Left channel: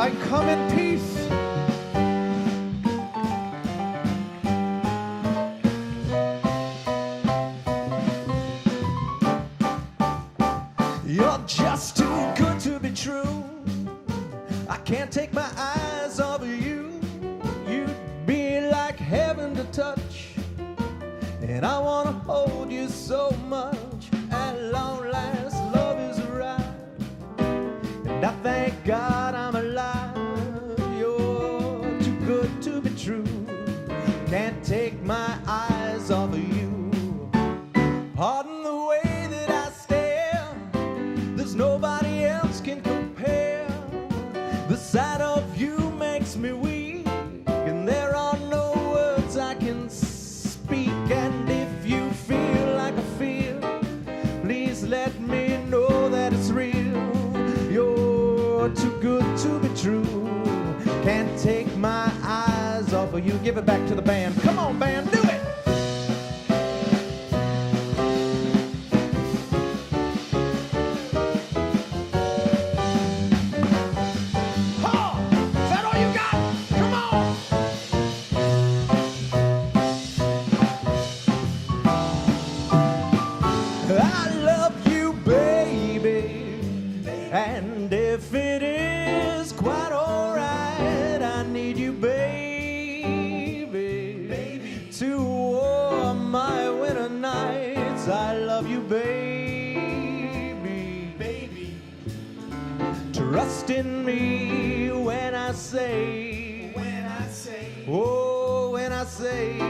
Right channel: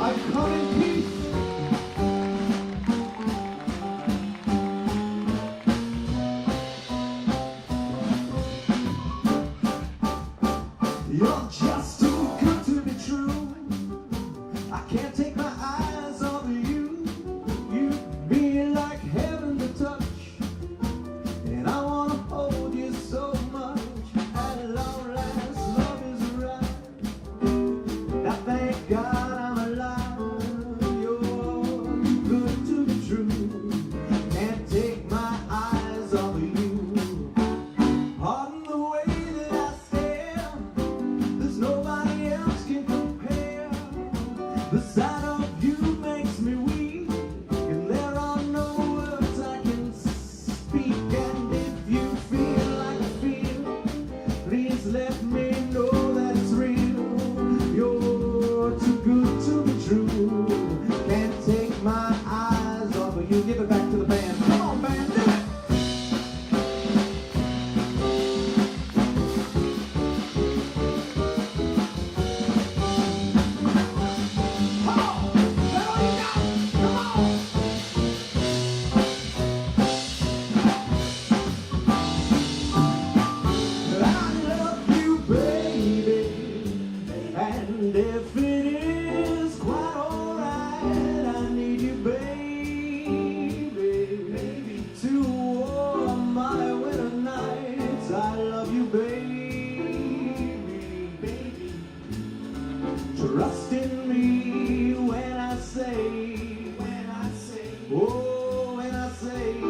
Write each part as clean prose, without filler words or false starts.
I come in peace. You're just too good to be true. I can't take my eyes off of you. You be like heaven to touch, and I wanna hold you so much. At long last, love is right, and I thank God I'm alive. You're too good to be true. Can't take my eyes off of you. Pardon the way that I stare. There's nobody else can compare. The sight of you makes me weak, and there are no words I can speak. And if you feel like I feel, please let me know that it's real. You're too good to be true. Can't take my eyes off of you. Give it back to the band. Come on, band, do it. And if it is quite alright, I need you, baby, to warm my winter nights. I love you, baby. Trust in me when I say, oh, when I say,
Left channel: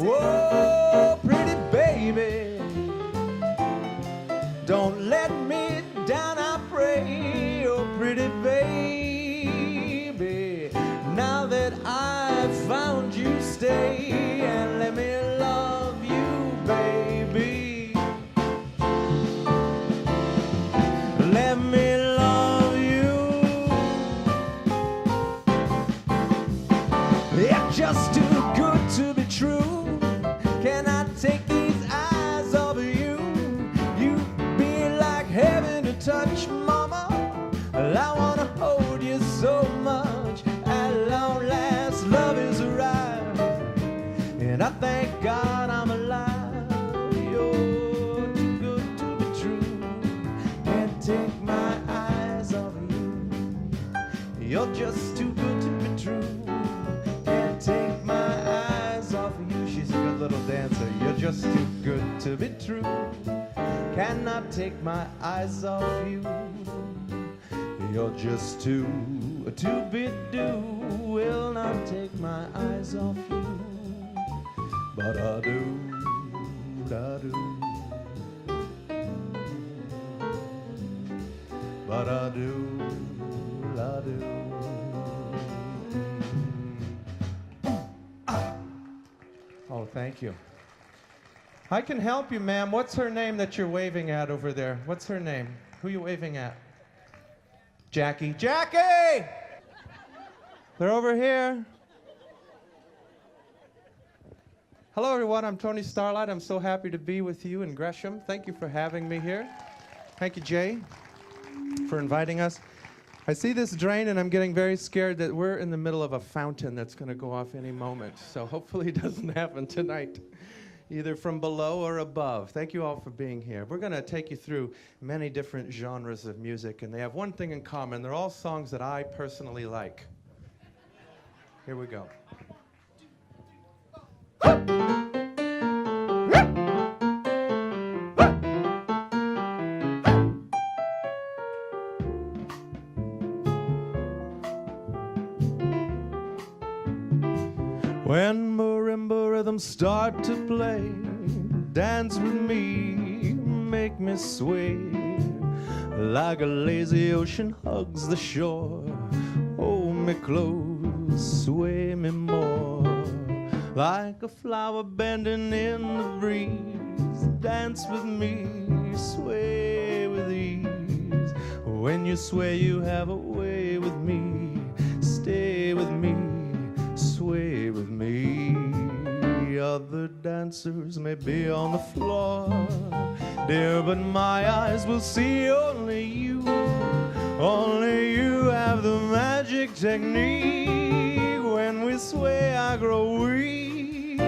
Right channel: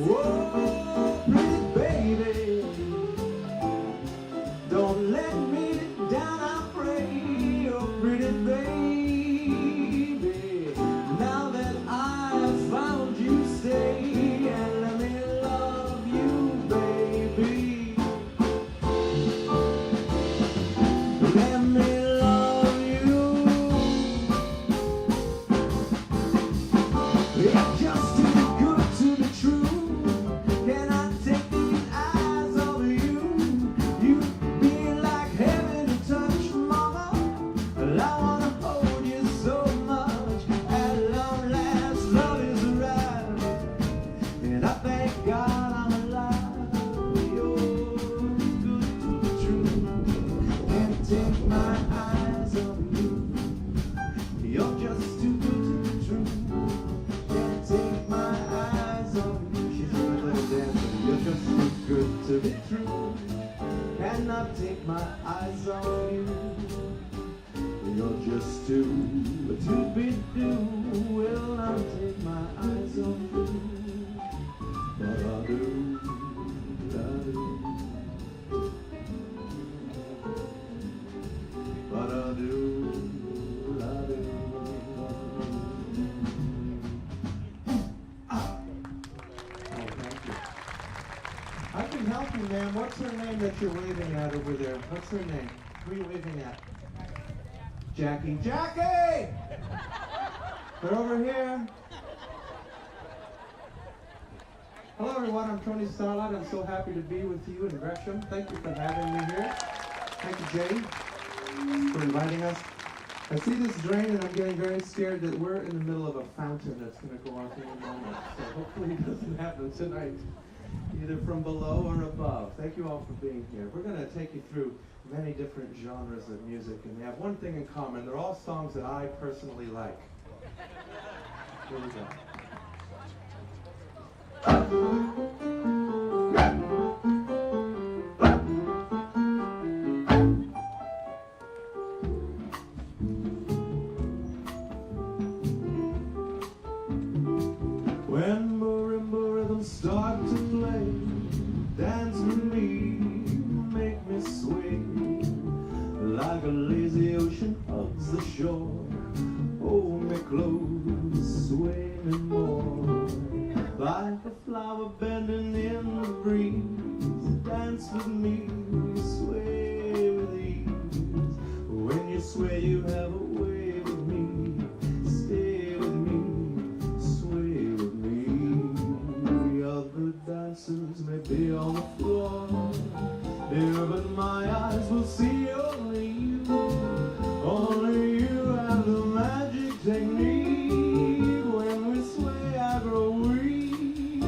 oh, pretty baby, don't let me down, I pray. Oh, pretty baby, now that I've found you, stay and let me love you, baby. Let me love you. You're just too good to be true. Can I take these eyes off of you? You be like heaven to touch, mama. Well, I wanna hold you so much. At long last, love is arrived, and I thank God I'm alive. You're too good to be true. Can't take my eyes off you. You're just too good to be true. Can't take my eyes off of you. She's a good little dancer. You're just too good to be true. Cannot take my eyes off you. You're just too be do. Will not take my eyes off you. But I do, I do. But I do, I do. Oh, thank you. I can help you, ma'am. What's her name that you're waving at over there? What's her name? Who are you waving at? Jackie. Jackie! They're over here. Hello, everyone. I'm Tony Starlight. I'm so happy to be with you in Gresham. Thank you for having me here. Thank you, Jay, for inviting us. I see this drain, and I'm getting very scared that we're in the middle of a fountain that's going to go off any moment. So hopefully it doesn't happen tonight, either from below or above. Thank you all for being here. We're going to take you through many different genres of music, and they have one thing in common. They're all songs that I personally like. Here we go. When marimba rhythms start to play, dance with me, make me sway, like a lazy ocean hugs the shore. Hold me close, sway me more, like a flower bending in the breeze. Dance with me, sway with ease. When you sway, you have a way with me. Stay with me, sway with me. Other dancers may be on the floor, dear, but my eyes will see only you. Only you have the technique. When we sway, I grow weak.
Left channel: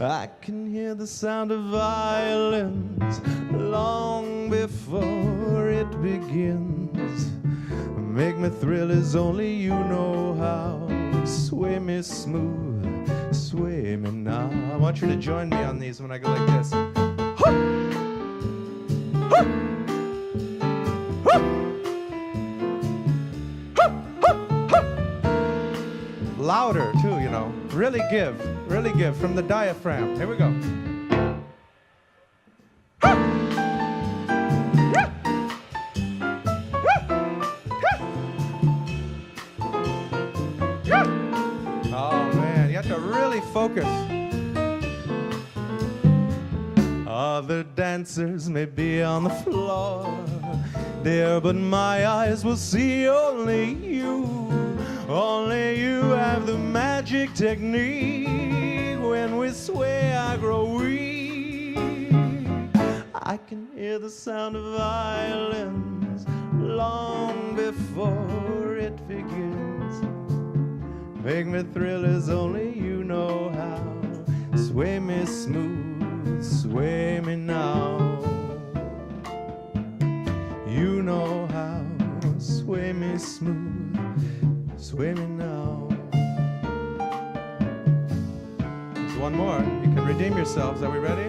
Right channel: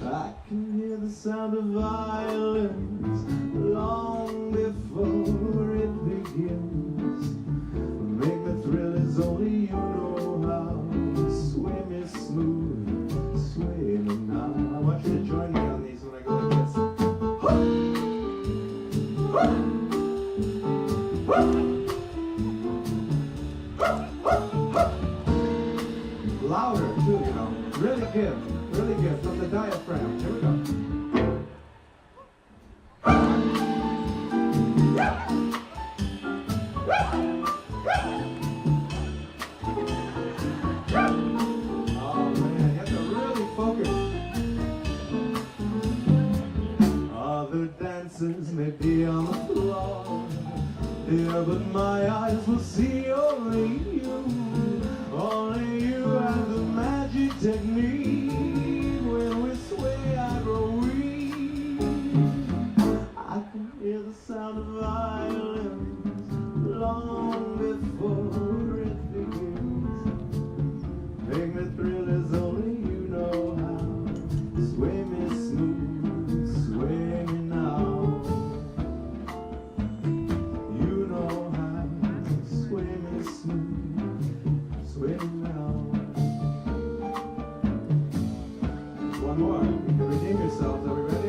I can hear the sound of violins long before it begins. Make me thrill as only you know how. Sway me smooth, sway me now. I want you to join me on these when I go like this. Louder too, you know. Really give from the diaphragm. Here we go. Oh man, you have to really focus. Other dancers may be on the floor, dear, but my eyes will see only you. Only you have the magic technique. When we sway, I grow weak. I can hear the sound of violins long before it begins. Make me thrill as only you know how. Sway me smooth, sway me now. You know how. Sway me smooth, sway me now. There's one more. You can redeem yourselves. Are we ready?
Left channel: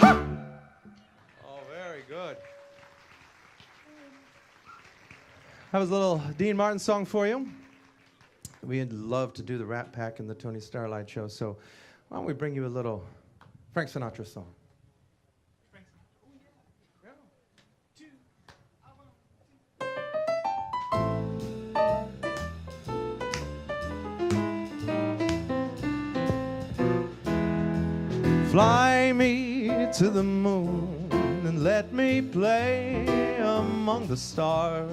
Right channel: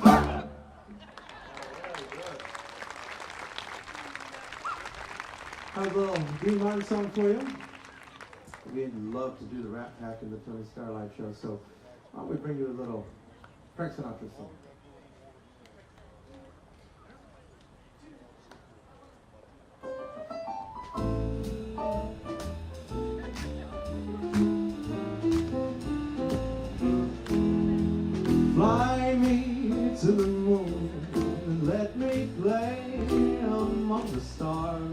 Oh, very good. That was a little Dean Martin song for you. We'd love to do the Rat Pack in the Tony Starlight show, so why don't we bring you a little Frank Sinatra song. Fly me to the moon and let me play among the stars.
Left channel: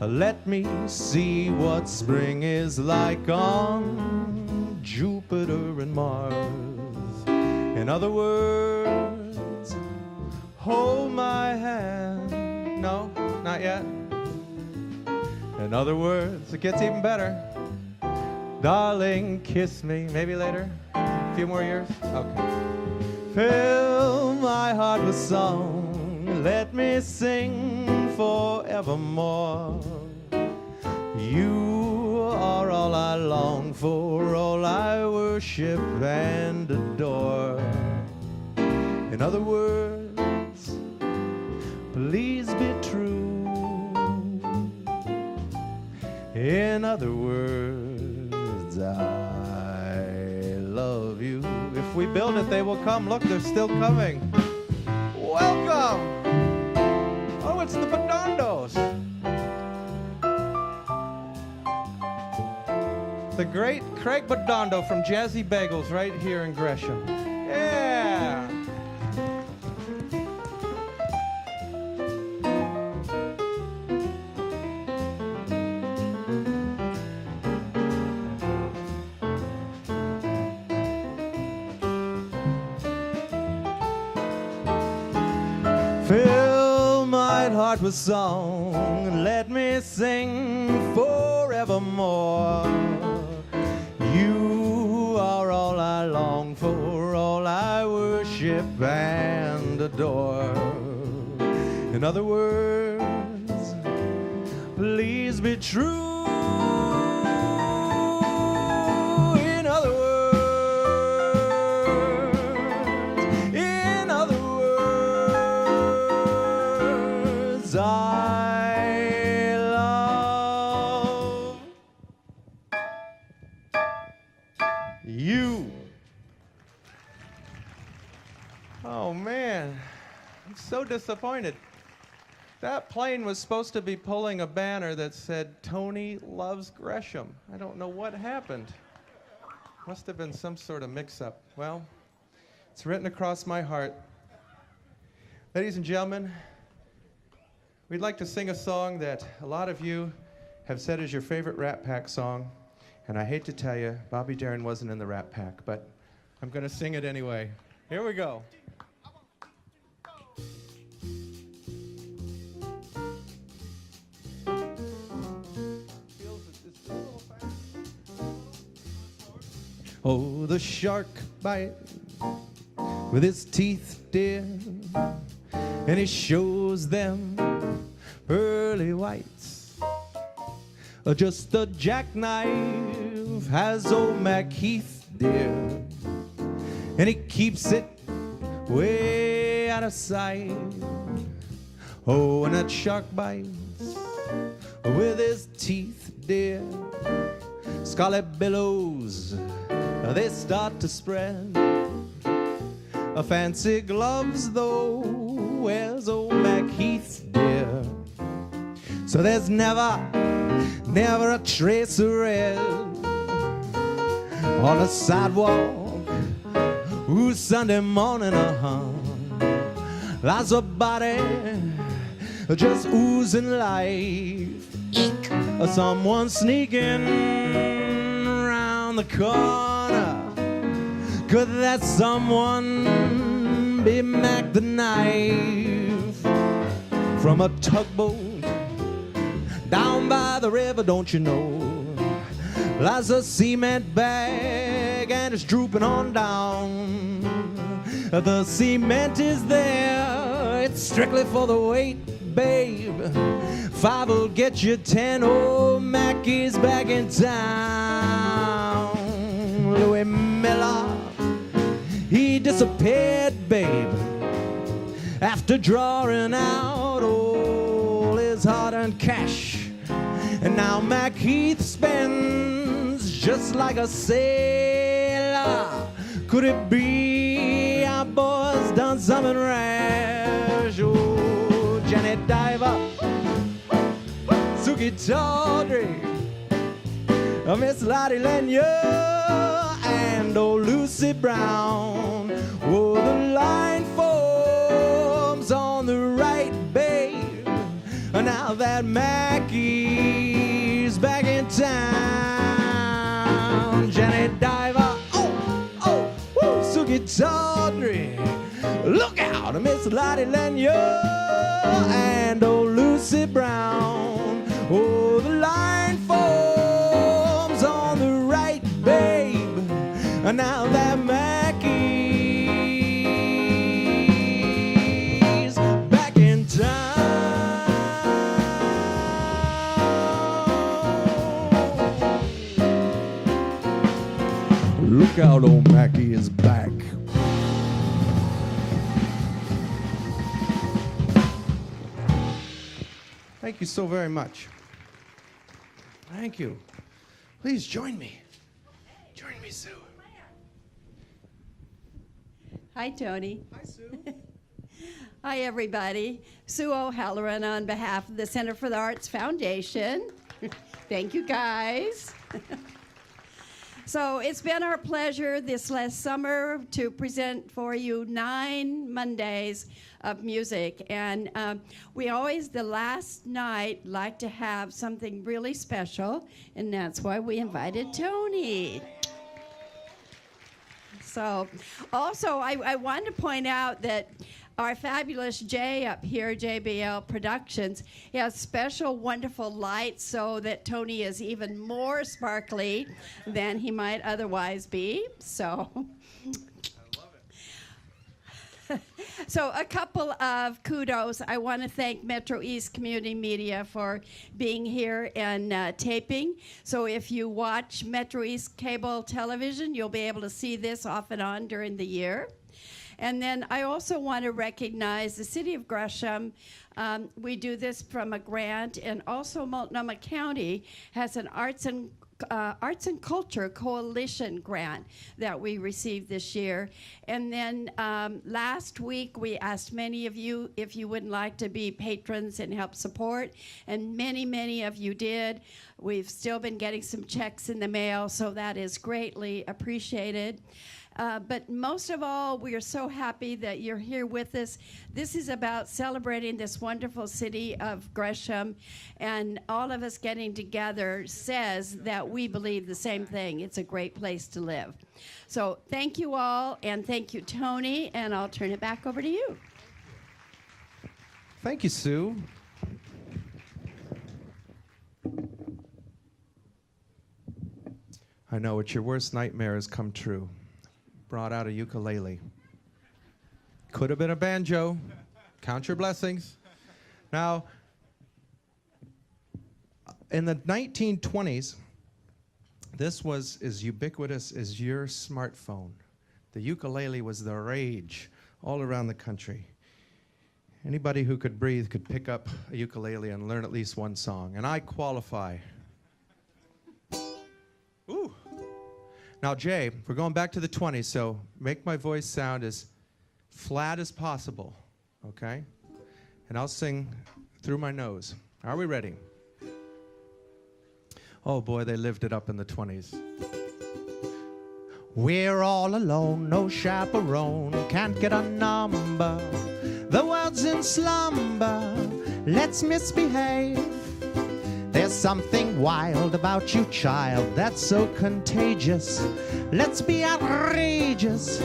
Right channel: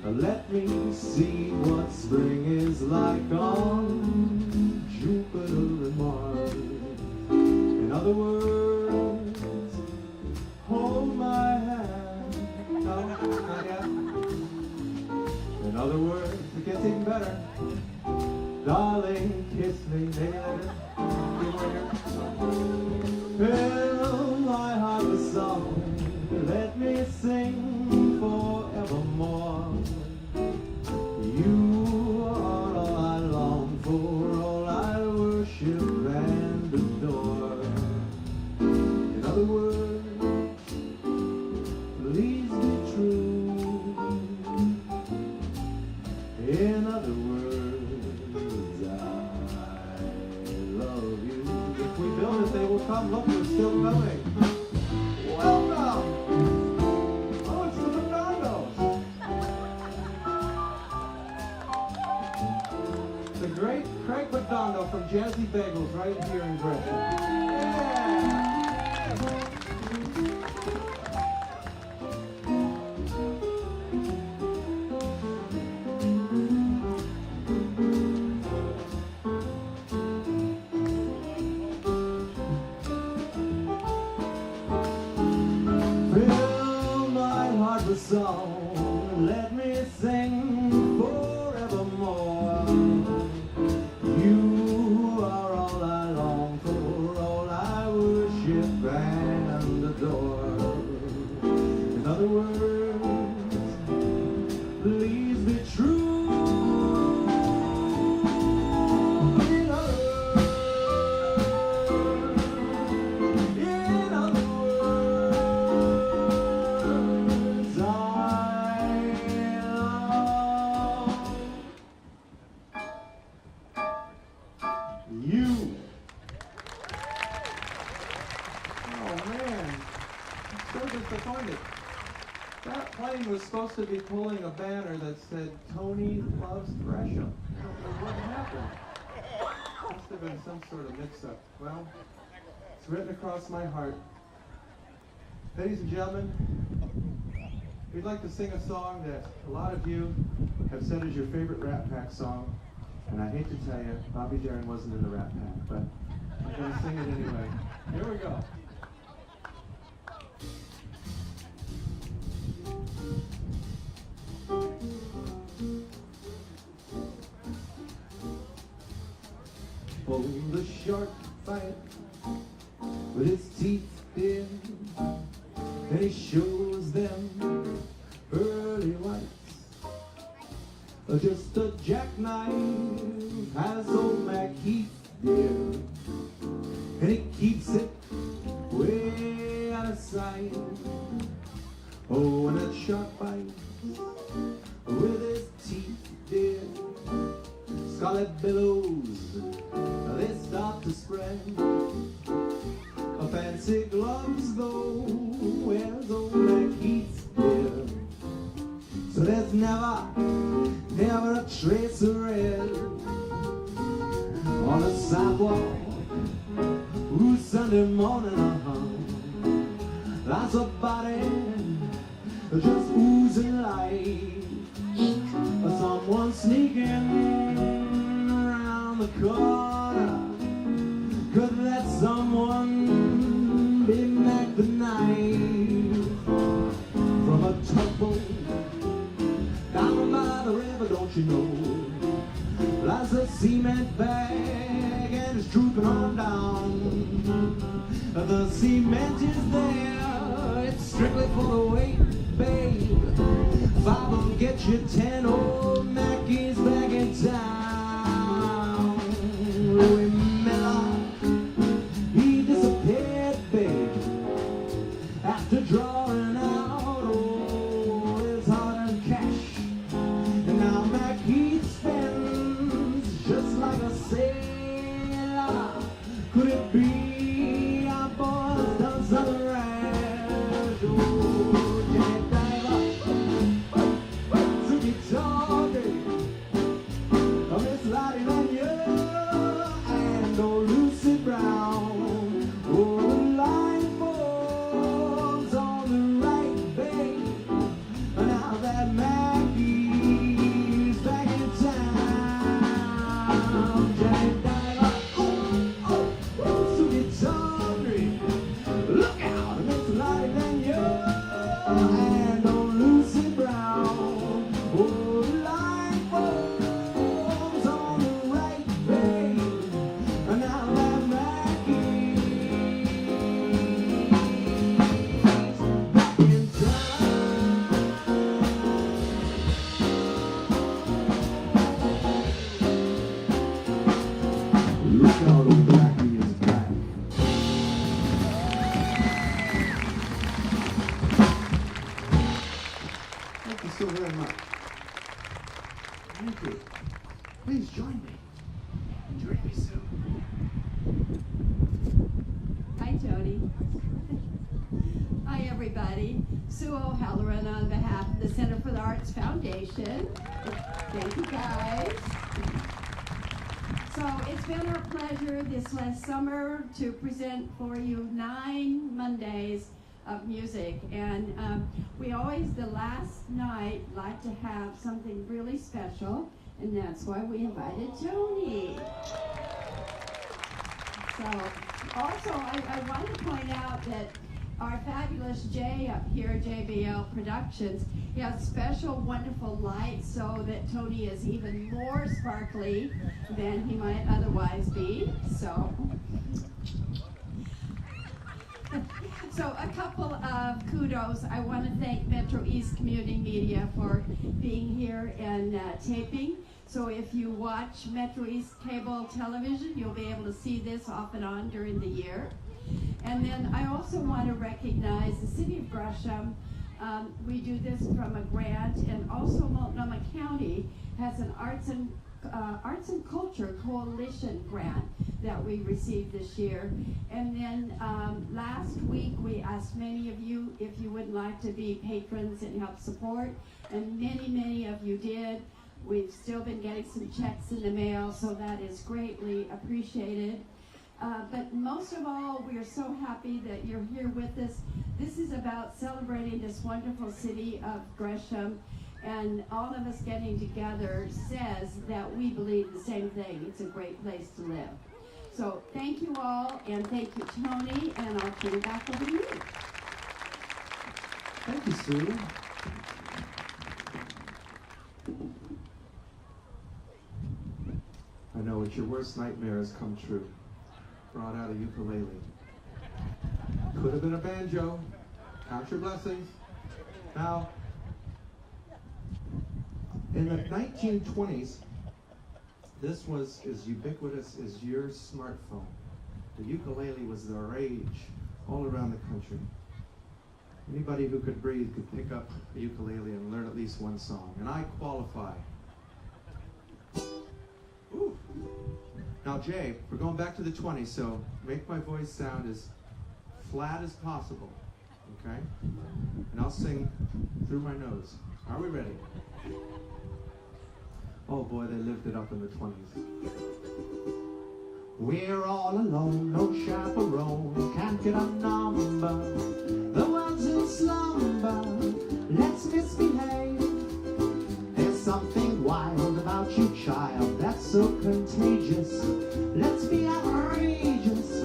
Let me see what spring is like on Jupiter and Mars. In other words, hold my hand. No, not yet. In other words, it gets even better. Darling, kiss me. Maybe later. A few more years. Okay. Fill my heart with song. Let me sing forevermore. You are all I long for, all I worship and adore. In other words, please be true. In other words, I love you. If we build it, they will come. Look, they're still coming. Welcome. Oh, it's the Badondos. The great Craig Badondo from Jazzy Bagels right here in Gresham. Yeah. Fill my heart with song, let me sing forevermore. You are all I long for, all I worship and adore. In other words, please be true. In other words, I love you. Oh man, I'm so disappointed. That plane was supposed to be pulling a banner that said, Tony loves Gresham. I don't know what happened. Must have been some sort of mix-up. Well, it's written across my heart. Ladies and gentlemen, we'd like to sing a song that a lot of you have said is your favorite Rat Pack song. And I hate to tell you, Bobby Darin wasn't in the Rat Pack, but I'm gonna sing it anyway. Here we go. Oh, the shark bite with his teeth, dear, and he shows them pearly whites. Just the jackknife has old Mac Heath, dear, and he keeps it way out of sight. Oh, and that shark bites with his teeth, dear. Scarlet billows, they start to spread. Fancy gloves, though, wears old Mac Heath, dear. So there's never a trace of red on the sidewalk. Ooh, Sunday morning, lies a body just oozing life. Someone sneaking around the corner. Could that someone be Mac the Knife? From a tugboat down by the river, don't you know, lies a cement bag and it's drooping on down. The cement is there, it's strictly for the weight, babe. 5 will get you 10, old Mac is back in town. Louis Miller, he disappeared, babe, after drawing out all his hard-earned cash. And now Mac Heath spends just like a sailor. Could it be our boy's done something rash? Oh, Jenny Diver, Suki Tawdry, Miss Lottie Lanier, and old Lucy Brown. Oh, the line forms on the right, babe. Now that Mackie's back in town. Jenny Diver, Suki Tawdry, look out, Miss Lottie Lanier, and old Lucy Brown. Oh, the line forms on the right, babe. Now that Mackie's back in town. Look out, old Mackie is back. Thank you so very much. Thank you. Please join me. Join me, Sue. Hi, Tony. Hi, everybody. Sue O'Halloran on behalf of the Center for the Arts Foundation. Thank you, guys. So it's been our pleasure this last summer to present for you 9 Mondays of music. And we always, the last night, like to have something really special, and that's why we invited Tony. So, also, I wanted to point out that our fabulous Jay up here, JBL Productions, he has special, wonderful lights so that Tony is even more sparkly than he might otherwise be. So a couple of kudos. I want to thank MetroEast Community Media for being here and taping. So if you watch MetroEast cable television, you'll be able to see this off and on during the year. And then I also want to recognize the City of Gresham. We do this from a grant, and also Multnomah County has an Arts and Culture Coalition grant that we received this year. And then last week we asked many of you if you would like to be patrons and help support, and many of you did. We've still been getting some checks in the mail, so that is greatly appreciated. But most of all, we are so happy that you're here with us. This is about celebrating this wonderful city of Gresham, and all of us getting together says that we believe the same thing. It's a great place to live. So thank you all, and thank you, Tony, and I'll turn it back over to you. Thank you, Sue. I know it's your worst nightmare has come true. Brought out a ukulele. Could have been a banjo. Count your blessings. Now, in the 1920s, this was as ubiquitous as your smartphone. The ukulele was the rage all around the country. Anybody who could breathe could pick up a ukulele and learn at least one song, and I qualify. Ooh. Now, Jay, we're going back to the 20s, so make my voice sound as flat as possible, okay? And I'll sing through my nose. Are we ready? Oh boy, they lived it up in the 20s. We're all alone, no chaperone, can't get a number. The world's in slumber, let's misbehave. There's something wild about you, child, that's so contagious. Let's be outrageous,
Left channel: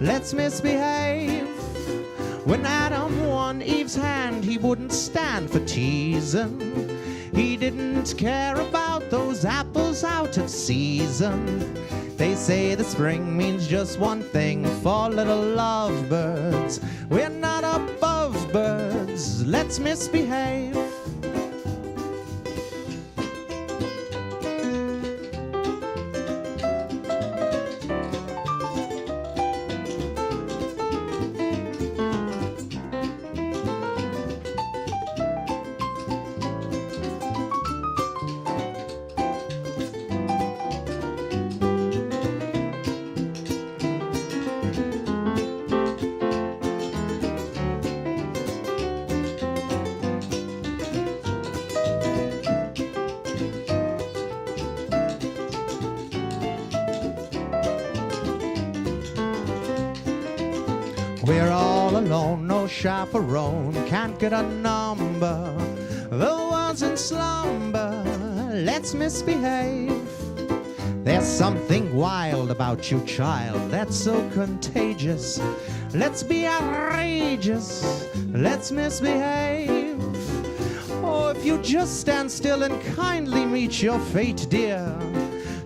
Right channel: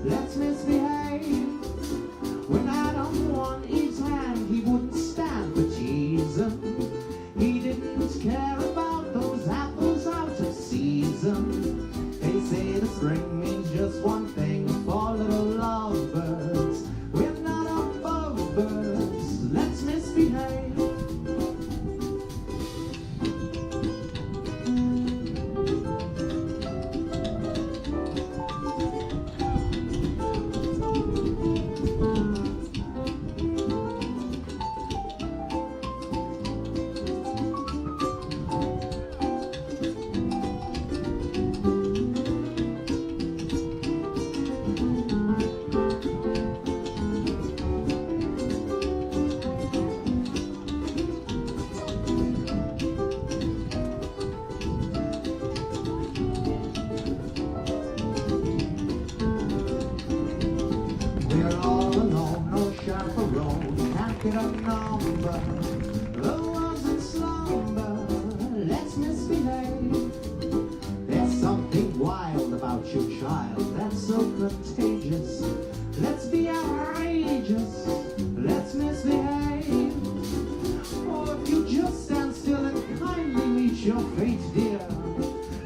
let's misbehave. When Adam won Eve's hand, he wouldn't stand for teasing. He didn't care about those apples out of season. They say the spring means just one thing for little lovebirds. We're not above birds, let's misbehave. We're all alone, no chaperone, can't get a number. The world's in slumber, let's misbehave. There's something wild about you, child, that's so contagious. Let's be outrageous, let's misbehave. Oh, if you just stand still and kindly meet your fate, dear,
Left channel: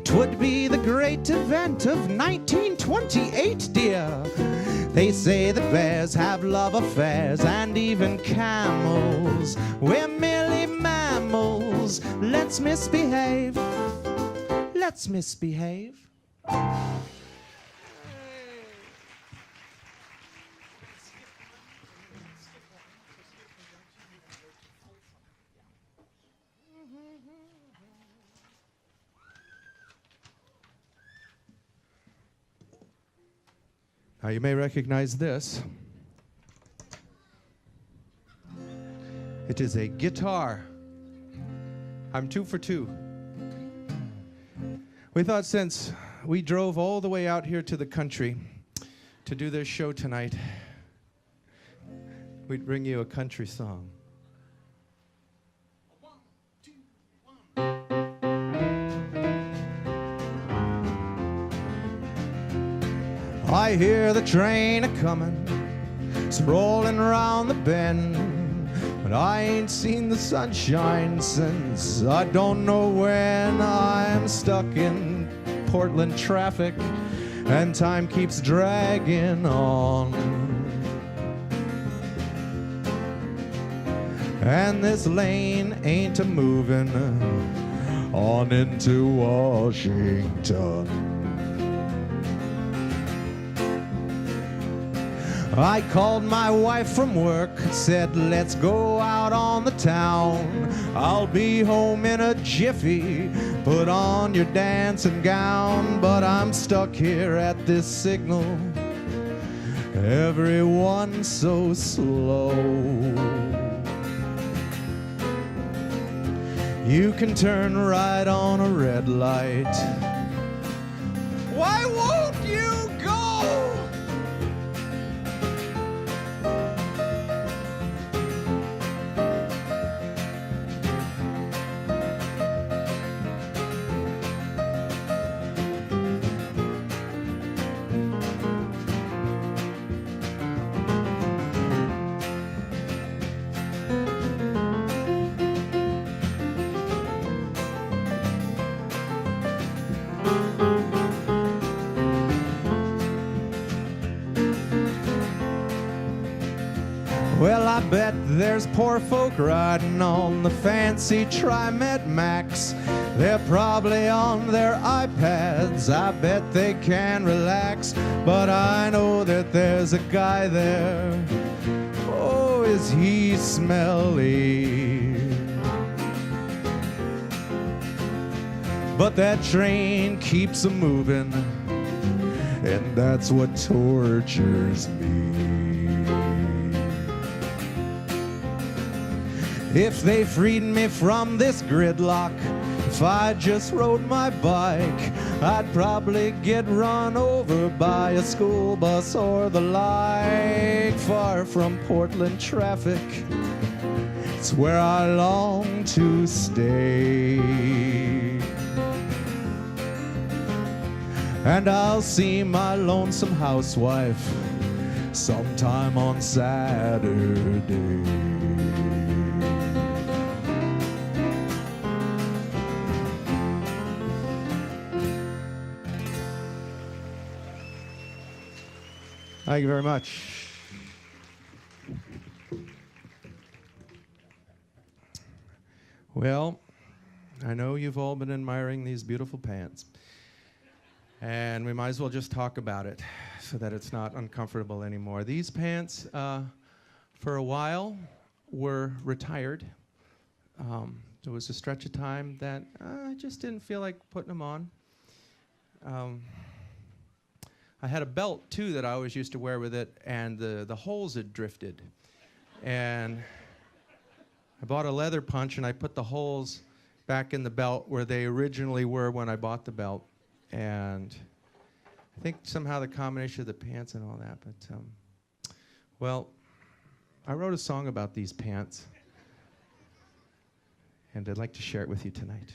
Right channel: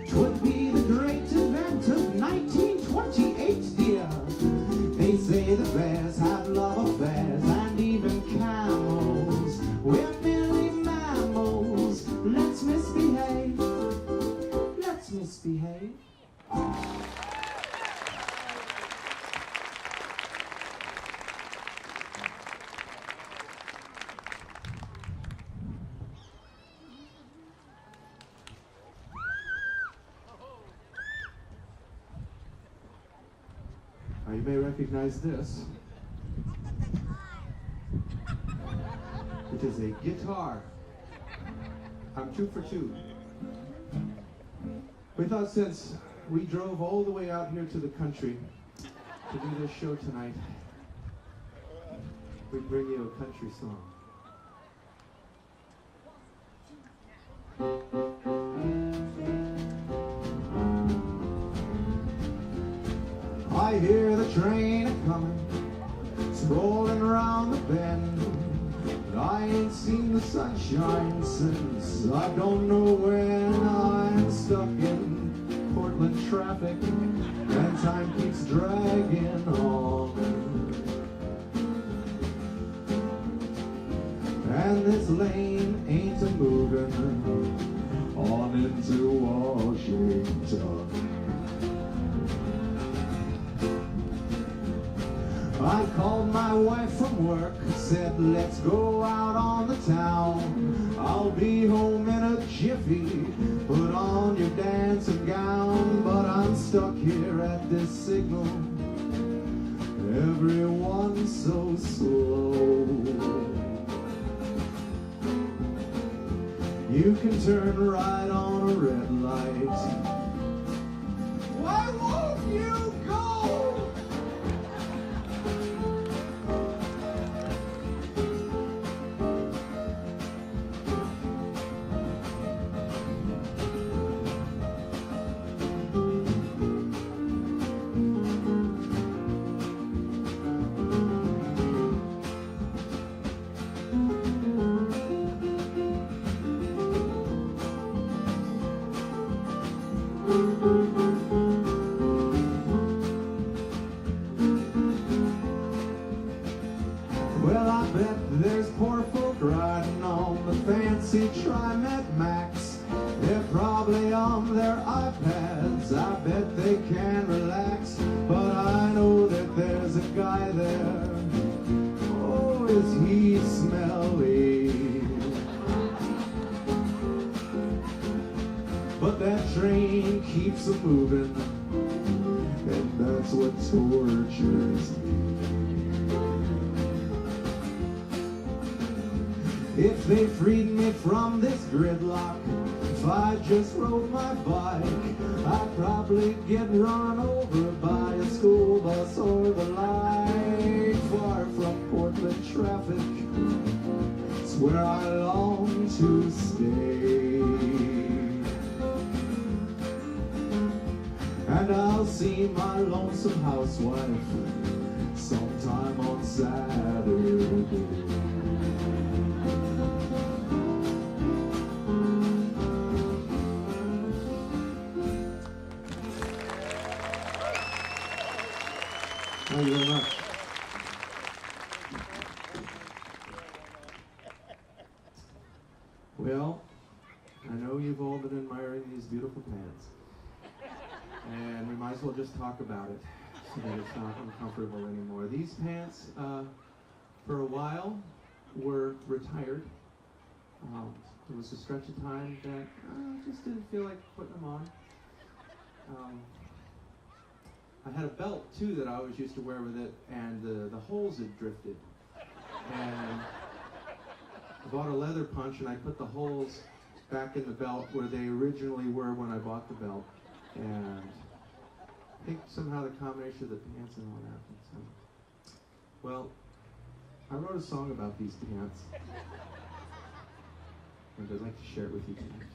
'twould be the great event of 1928, dear. They say that bears have love affairs and even camels. We're merely mammals. Let's misbehave. Let's misbehave. Now you may recognize this. It is a guitar. I'm 2 for 2. We thought since we drove all the way out here to the country to do this show tonight, we'd bring you a country song. I hear the train a-comin', sprawling around the bend, but I ain't seen the sunshine since I don't know when. I'm stuck in Portland traffic, and time keeps dragging on. And this lane ain't a-moving on into Washington. I called my wife from work, said let's go out on the town. I'll be home in a jiffy, put on your dancing gown. But I'm stuck here at this signal, everyone's so slow. You can turn right on a red light. Why won't you go? bet there's poor folk riding on the fancy TriMet Max. They're probably on their iPads, I bet they can relax. But I know that there's a guy there, oh, is he smelly. But that train keeps a-moving, and that's what tortures me. If they freed me from this gridlock, if I just rode my bike, I'd probably get run over by a school bus or the like. Far from Portland traffic, it's where I long to stay. And I'll see my lonesome housewife sometime on Saturday. Thank you very much. Well, I know you've all been admiring these beautiful pants. And we might as well just talk about it so that it's not uncomfortable anymore. These pants, for a while, were retired. There was a stretch of time that I just didn't feel like putting them on. I had a belt, too, that I always used to wear with it, and the holes had drifted. And I bought a leather punch, and I put the holes back in the belt where they originally were when I bought the belt. And I think somehow the combination of the pants and all that, but, well, I wrote a song about these pants, and I'd like to share it with you tonight.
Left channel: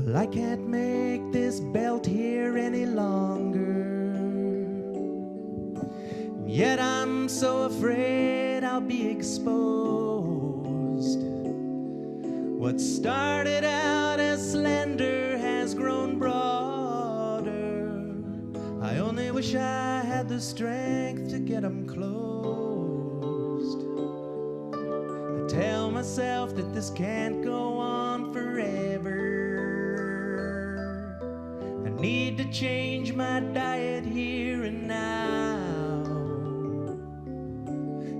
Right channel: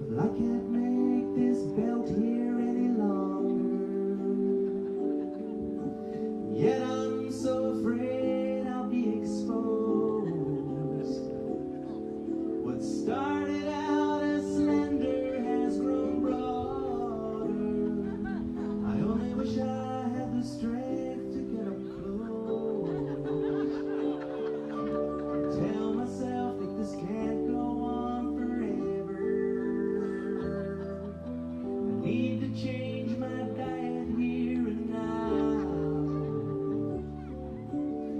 Well, I can't make this belt here any longer, yet I'm so afraid I'll be exposed. What started out as slender has grown broader. I only wish I had the strength to get them closed. I tell myself that this can't go on forever. Need to change my diet here and now,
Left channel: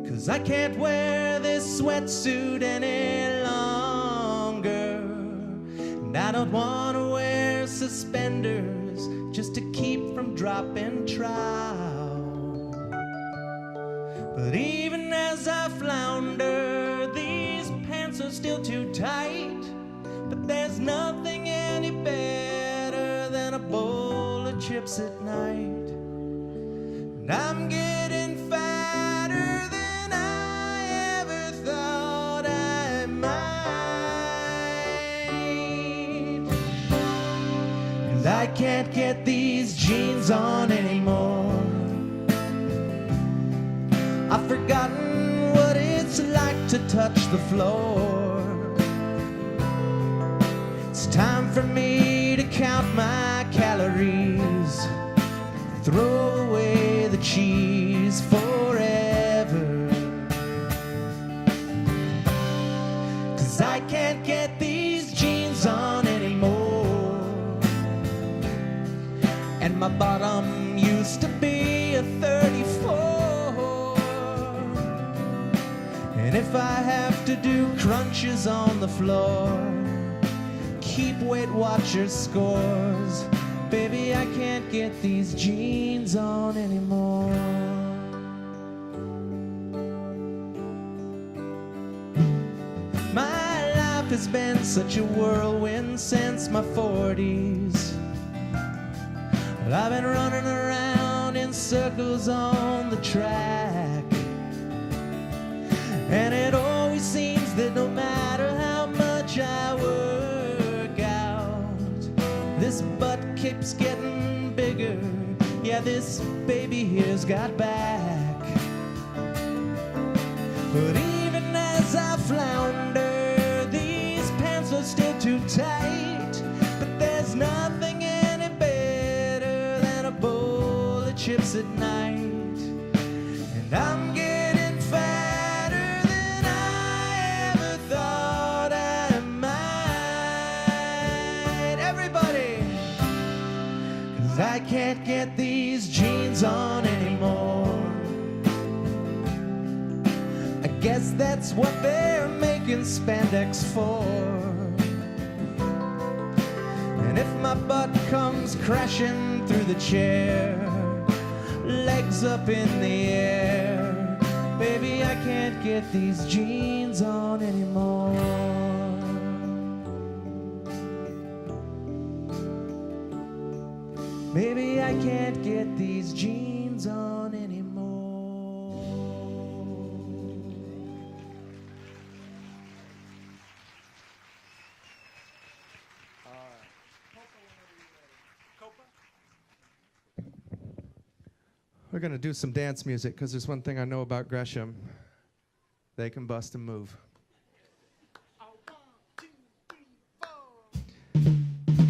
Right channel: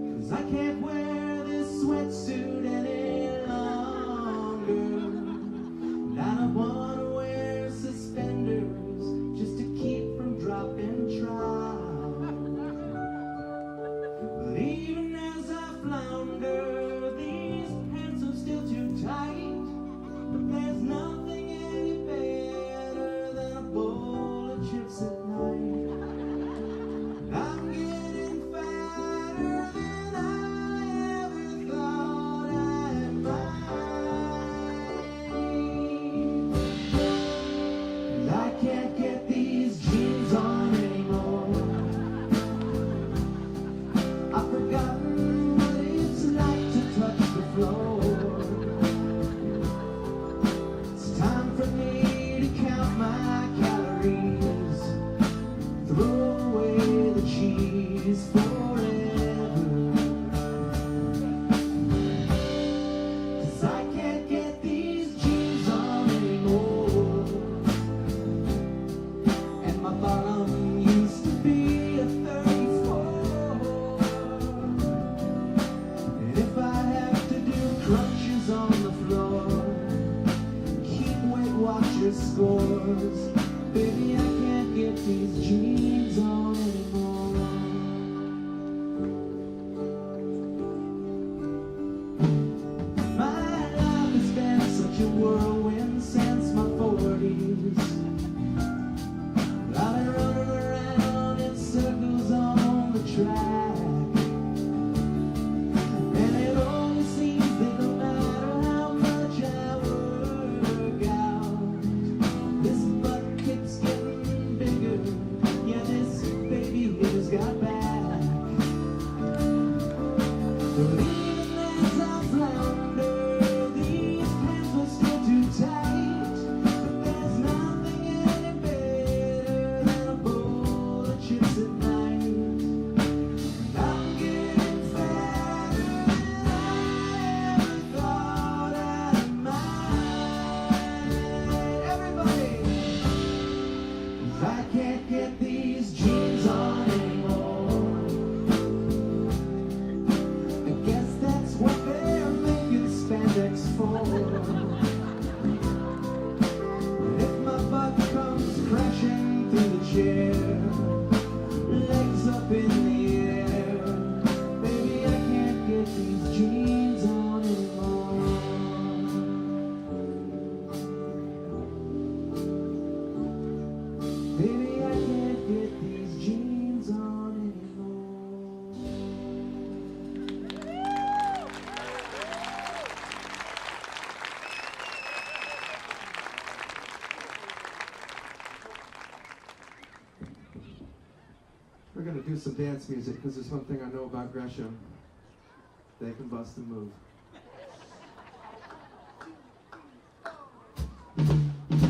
'cause I can't wear this sweatsuit any longer. And I don't want to wear suspenders just to keep from dropping trout. But even as I flounder, these pants are still too tight. But there's nothing any better than a bowl of chips at night. And I'm getting fatter than I ever thought I might. And I can't get these jeans on anymore. I've forgotten what it's like to touch the floor. It's time for me to count my calories, throw away the cheese forever. 'Cause I can't get these jeans on anymore. And my bottom used to be a 34. And if I have to do crunches on the floor, keep Weight Watchers scores, baby, I can't get these jeans on anymore. My life has been such a whirlwind since my 40s. I've been running around in circles on the track, and it always seems that no matter how much I work out, this butt keeps getting bigger got back. But even as I flounder, these pants are still too tight. But there's nothing any better than a bowl of chips at night. And I'm getting fatter than I ever thought I might. Everybody! 'Cause I can't get these jeans on anymore. I guess that's what they're making spandex for. And if my butt comes crashing through the chair, legs up in the air, baby, I can't get these jeans on anymore. Baby, I can't get these jeans on anymore. We're gonna do some dance music because there's one thing I know about Gresham. They can bust and move.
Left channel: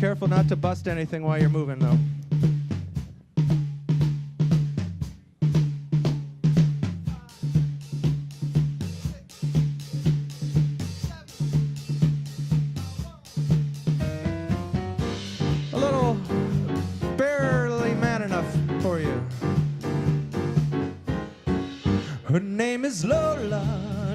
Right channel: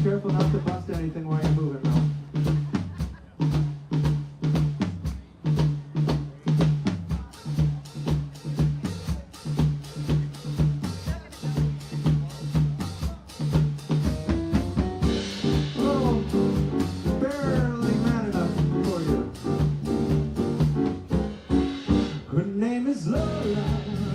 Careful not to bust anything while you're moving, though. A little barely man enough for you. Her name is Lola.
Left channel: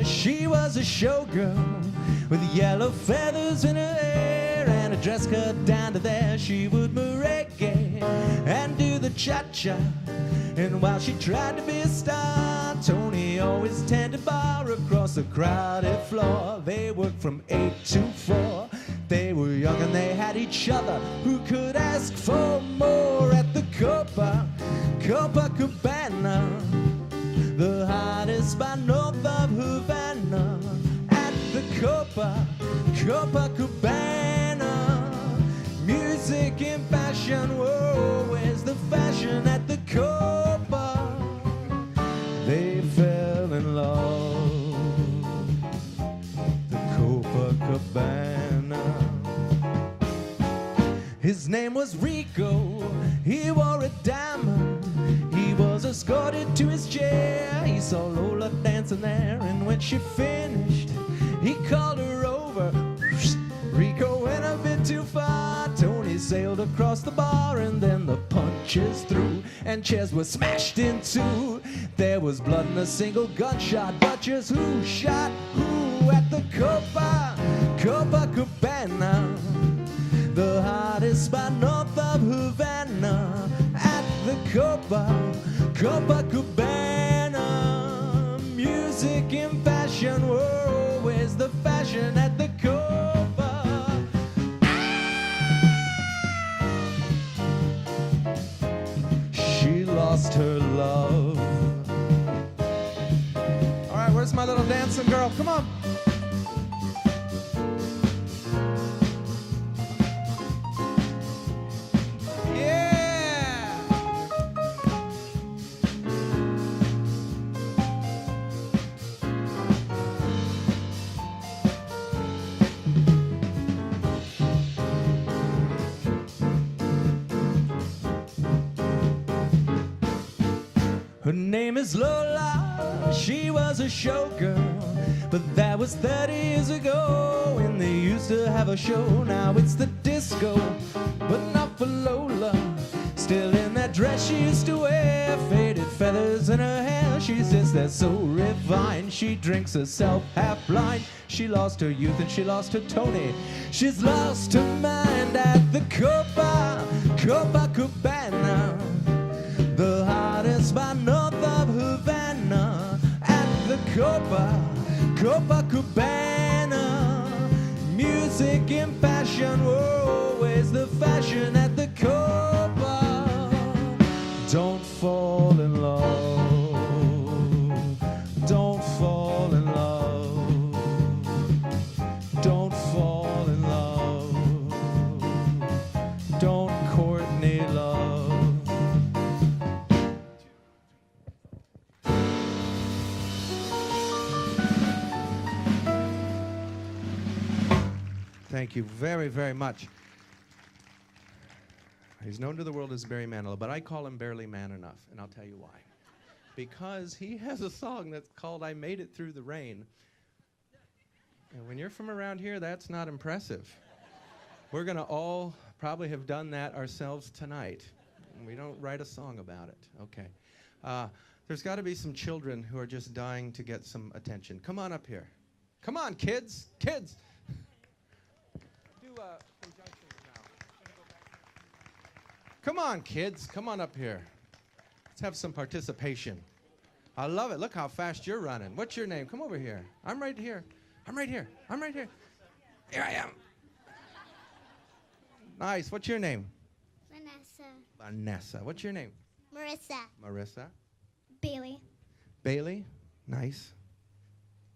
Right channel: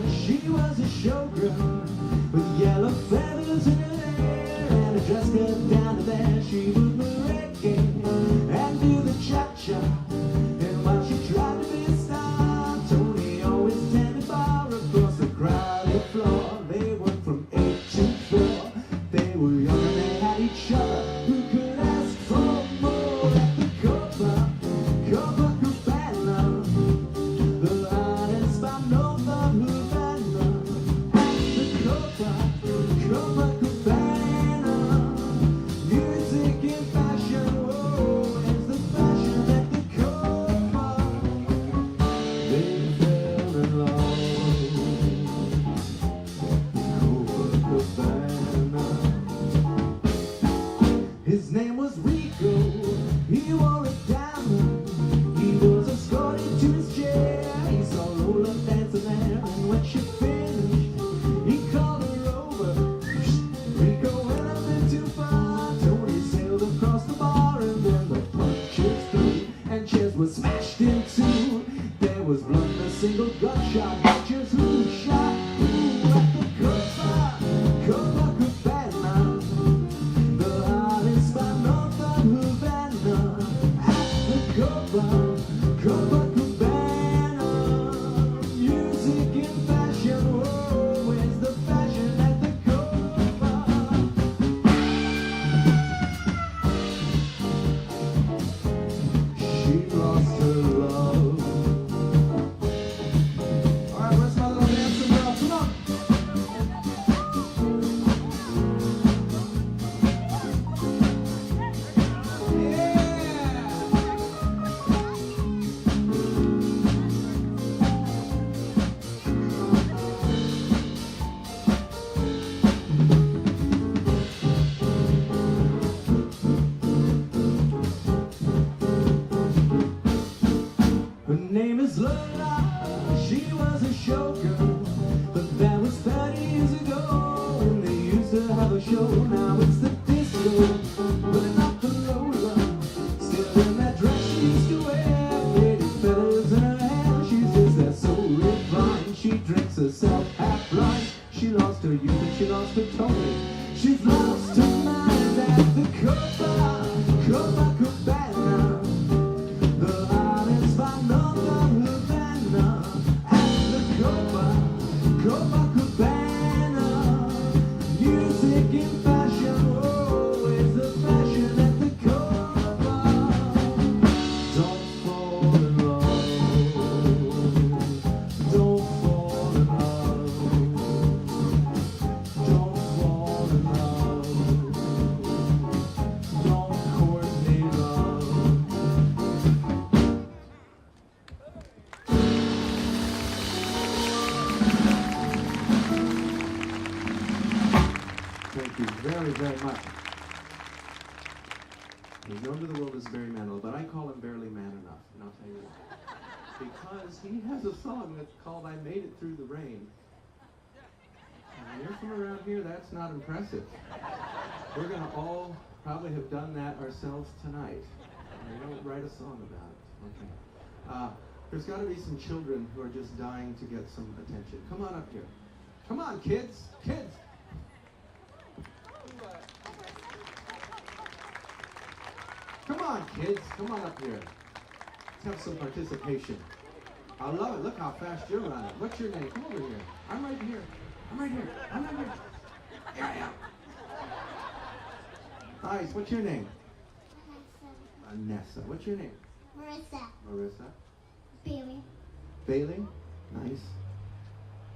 She was a showgirl with yellow feathers in her hair and a dress cut down to there. She would merengue and do the cha-cha. And while she tried to be a star, Tony always tended bar across the crowded floor. They worked from 8 to 4. They were young and they had each other. Who could ask for more at the Copacabana? The hottest spot north of Havana. At the Copacabana. Music and fashion, whoa, where's the fashion at the Copa? They fell in love. The Copacabana. His name was Rico. He wore a diamond. He was escorted to his chair. He saw Lola dancing there, and when she finished, he called her over. Rico went a bit too far. Tony sailed across the bar, and then the punches threw, and chairs were smashed in two. There was blood and a single gunshot. But just who shot who at the Copacabana? The hottest spot north of Havana. At the Copacabana. Music and fashion, whoa, where's the fashion at the Copa? She lost her love. All right, where's my little dancing girl? Come on. Her name is Lola, she was a showgirl, but that was 30 years ago when they used to have a show. Now it's the disco, but not for Lola. Still in that dress she used to wear, faded feathers in her hair. She's just that so refined, she drinks herself half blind. She lost her youth and she lost her Tony. She's lost her mind at the Copacabana. The hottest spot north of Havana. At the Copacabana. Music and fashion, whoa, where's the fashion at the Copa? Don't fall in love. Don't fall in love. Don't fall in love. Don't coordinate love. very, very much. He's known to the world as Barry Manilow, but I call him Barely Man Enough, and I'll tell you why. Because he has a song that's called I Made It Through the Rain. And when you're from around here, that's not impressive. We're going to all probably have done that ourselves tonight. And we don't write a song about it. Okay. There's got to be some children who are just dying to get some attention. Come on up here. Come on, kids. Kids. Come on, kids. Come on up here. Let's have some participation. I love it. Look how fast you're running. What's your name? Come over here. I'm right here. I'm right here. I'm right here. Here I am. Nice. What's your name? Vanessa. Vanessa. What's your name? Marissa. Marissa. Bailey. Bailey. Nice.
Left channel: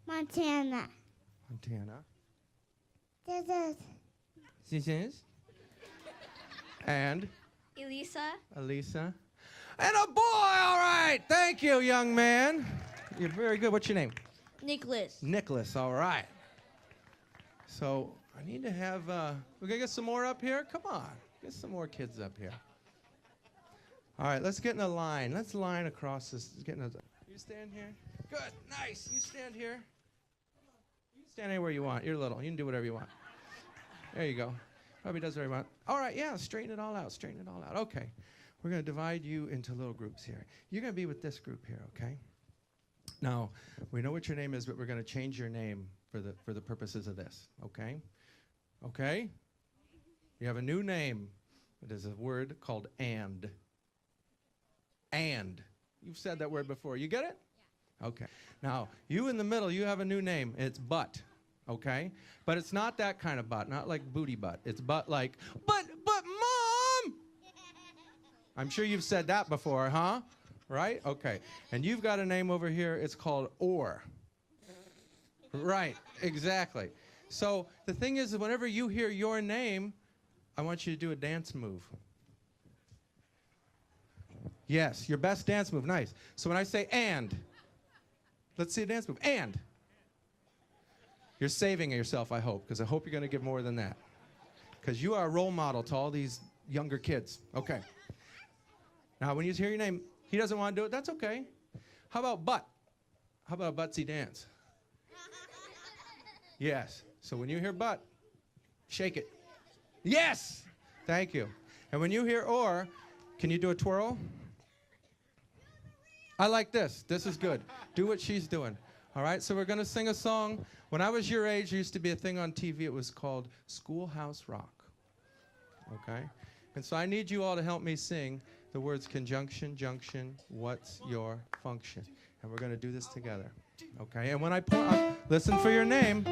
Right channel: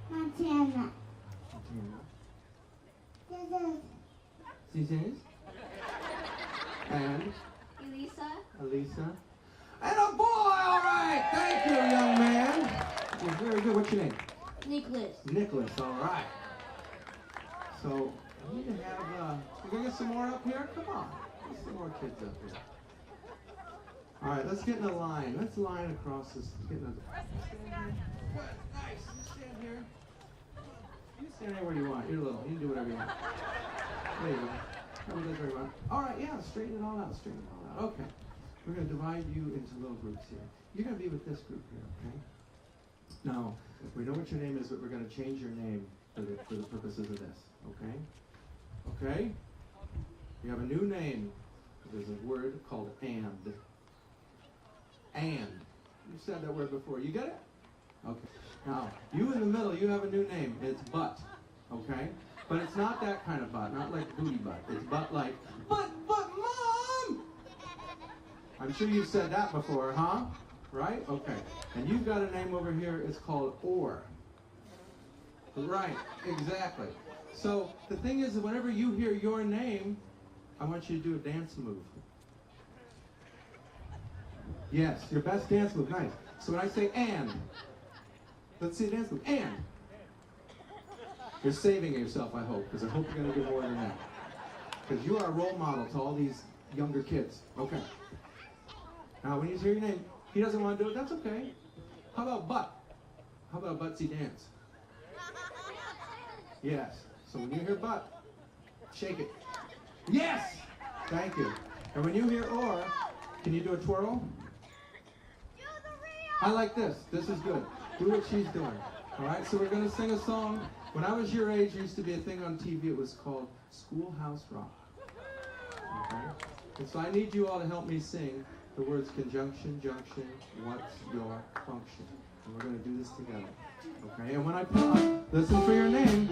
Montana. Montana. This is And Elisa. Elisa. And a boy, all right. Thank you, young man. You're very good. What's your name? Nicholas. Nicholas, all right. So, I need to have, we're going to get some more up here? Come on. Get some more kids up here. All right, let's get in a line. Let's line across this. Stand here. Good, nice. You stand here. You stand anywhere you want. You're little. You can do whatever you want. There you go. Probably does whatever you want. All right, yeah, straighten it all out. Straighten it all out. Okay. We're going to divide you into little groups here. You're going to be with this group here, okay? Now, we know what your name is, but we're going to change your name for the purposes of this, okay? Okay? You have a new name. It is a word called and. And. You've said that word before. You get it? Okay. Now, you in the middle, you have a new name. It's butt, okay? But it's not that kind of butt, not like booty butt. It's butt like, but Mom! I'm sure you've said that before, huh? Right? Okay. And you've got a name over here, it's called or. Right, exactly. So the thing is, whenever you hear your name, I want you to do a dance move. Yes, your best dance move, nice. So when I say and, let's see a dance move, and. You're saving yourself, I hope, because I hope you're going to give more than that. Because you are a role model to all these younger kids. Okay. Now, when you hear your name, he doesn't want to do it, that's okay. How about butt? How about a buttsy dance? Yes. So when you hear butt, shake it. Yes! Thank you. And when you hear or, can you do a twirl? I like this. This is good. Do what she's doing. All right, so we're going to sing a song. When I was your age, there used to be a thing on TV. It was called Schoolhouse Rock. Okay? And so I need you all to help me sing the words conjunction, junction, what's your function? And we're going to do this together. Okay? And when I put on, listen for your name.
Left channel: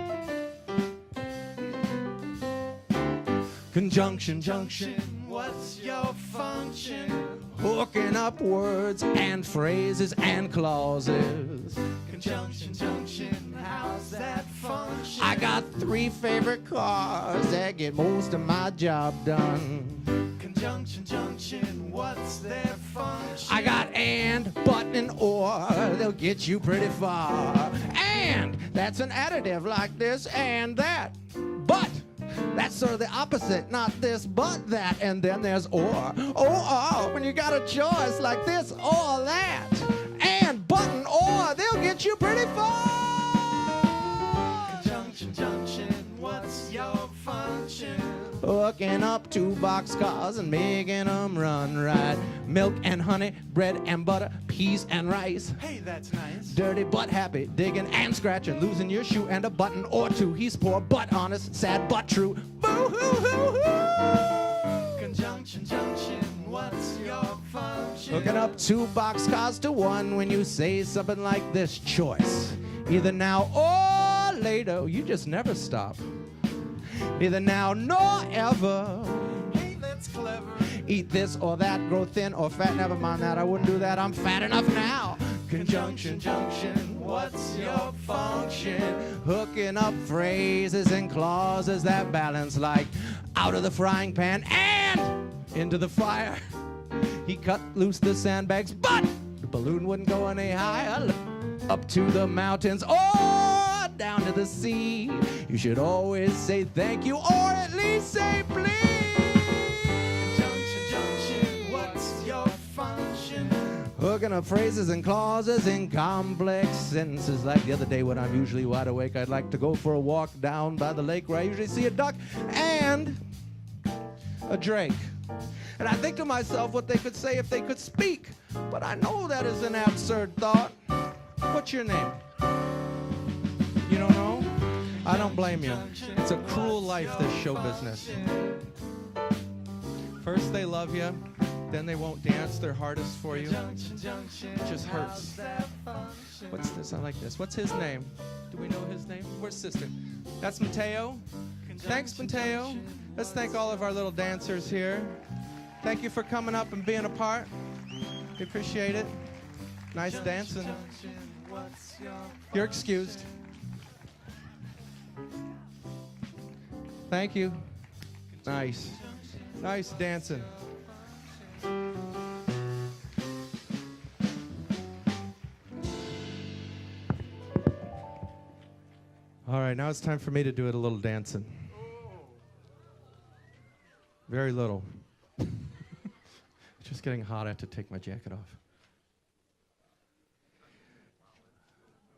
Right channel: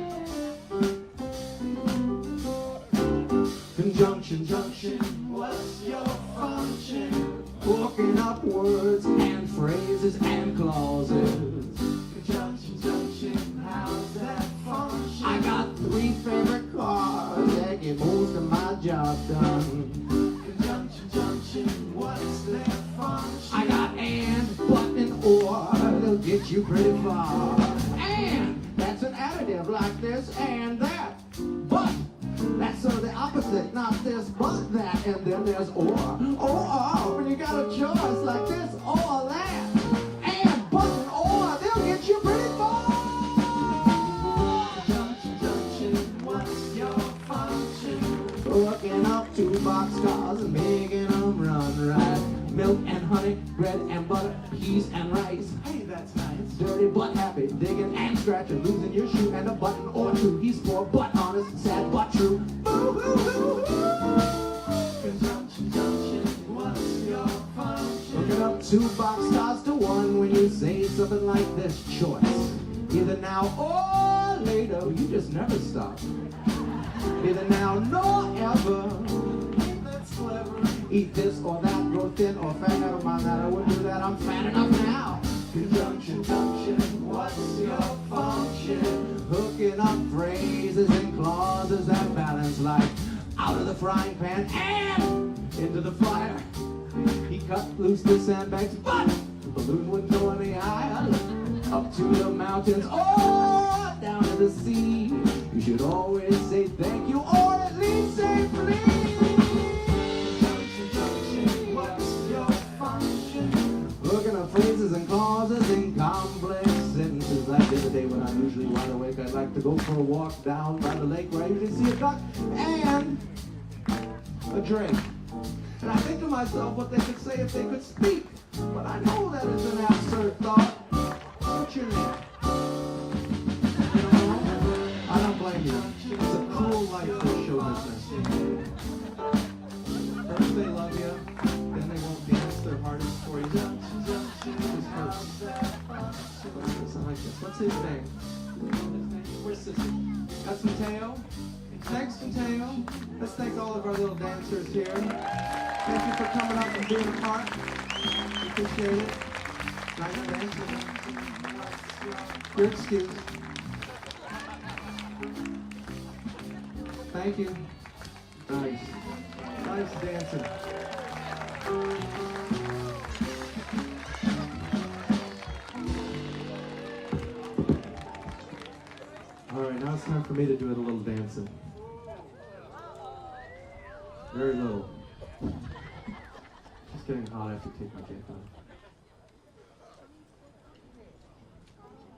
Conjunction, junction, what's your function? Hooking up words and phrases and clauses. Conjunction, junction, how's that function? I got 3 favorite cars that get most of my job done. Conjunction, junction, what's their function? I got and, but, and or, they'll get you pretty far. And, that's an additive like this and that. But, that's sort of the opposite, not this, but that. And then there's or. Or, when you got a choice like this or that. And, but, and or, they'll get you pretty far. Junction, junction, what's your function? Hooking up 2 boxcars and making them run right. Milk and honey, bread and butter, peas and rice. Hey, that's nice. Dirty but happy, digging and scratching, losing your shoe and a button or 2. He's poor but honest, sad but true. Boo-hoo-hoo-hoo! Conjunction, junction, what's your function? Hooking up 2 boxcars to 1 when you say something like this. Choice, either now or later. You just never stop. Either now nor ever. Hey, that's clever. Eat this or that, grow thin or fat, never mind that, I wouldn't do that, I'm fat enough now. Conjunction, junction, what's your function? Hooking up phrases and clauses that balance like out of the frying pan and into the fire. He cut loose the sandbags, but the balloon wouldn't go any higher. Up to the mountains or down down to the sea. You should always say thank you, or at least say please. What's your function? Hooking up phrases and clauses in complex sentences. Like the other day when I'm usually wide awake, I'd like to go for a walk down by the lake where I usually see a duck and a drink. And I think to myself what they could say if they could speak. But I know that is an absurd thought. What's your name? You don't know? I don't blame you. It's a cruel life, this show business. First they love you, then they won't dance their hardest for you. It just hurts. What's this? I like this. What's his name? Do we know his name? Where's Sister? That's Mateo. Thanks, Mateo. Let's thank all of our little dancers here. Thank you for coming up and being a part. Appreciate it. Nice dancing. You're excused. Thank you. Nice. Nice dancing. All right, now it's time for me to do a little dancing. Very little. Just getting hot, I have to take my jacket off.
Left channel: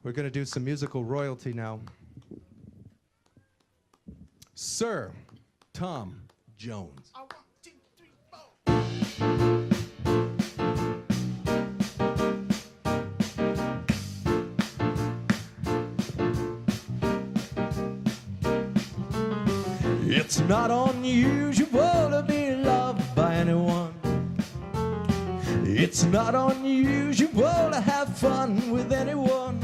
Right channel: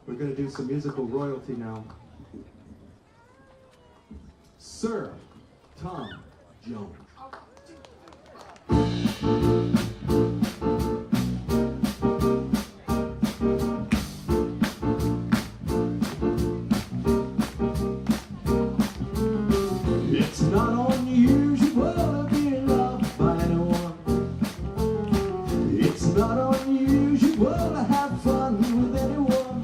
We're going to do some musical royalty now. Sir Tom Jones. It's not unusual to be loved by anyone. It's not unusual to have fun with anyone.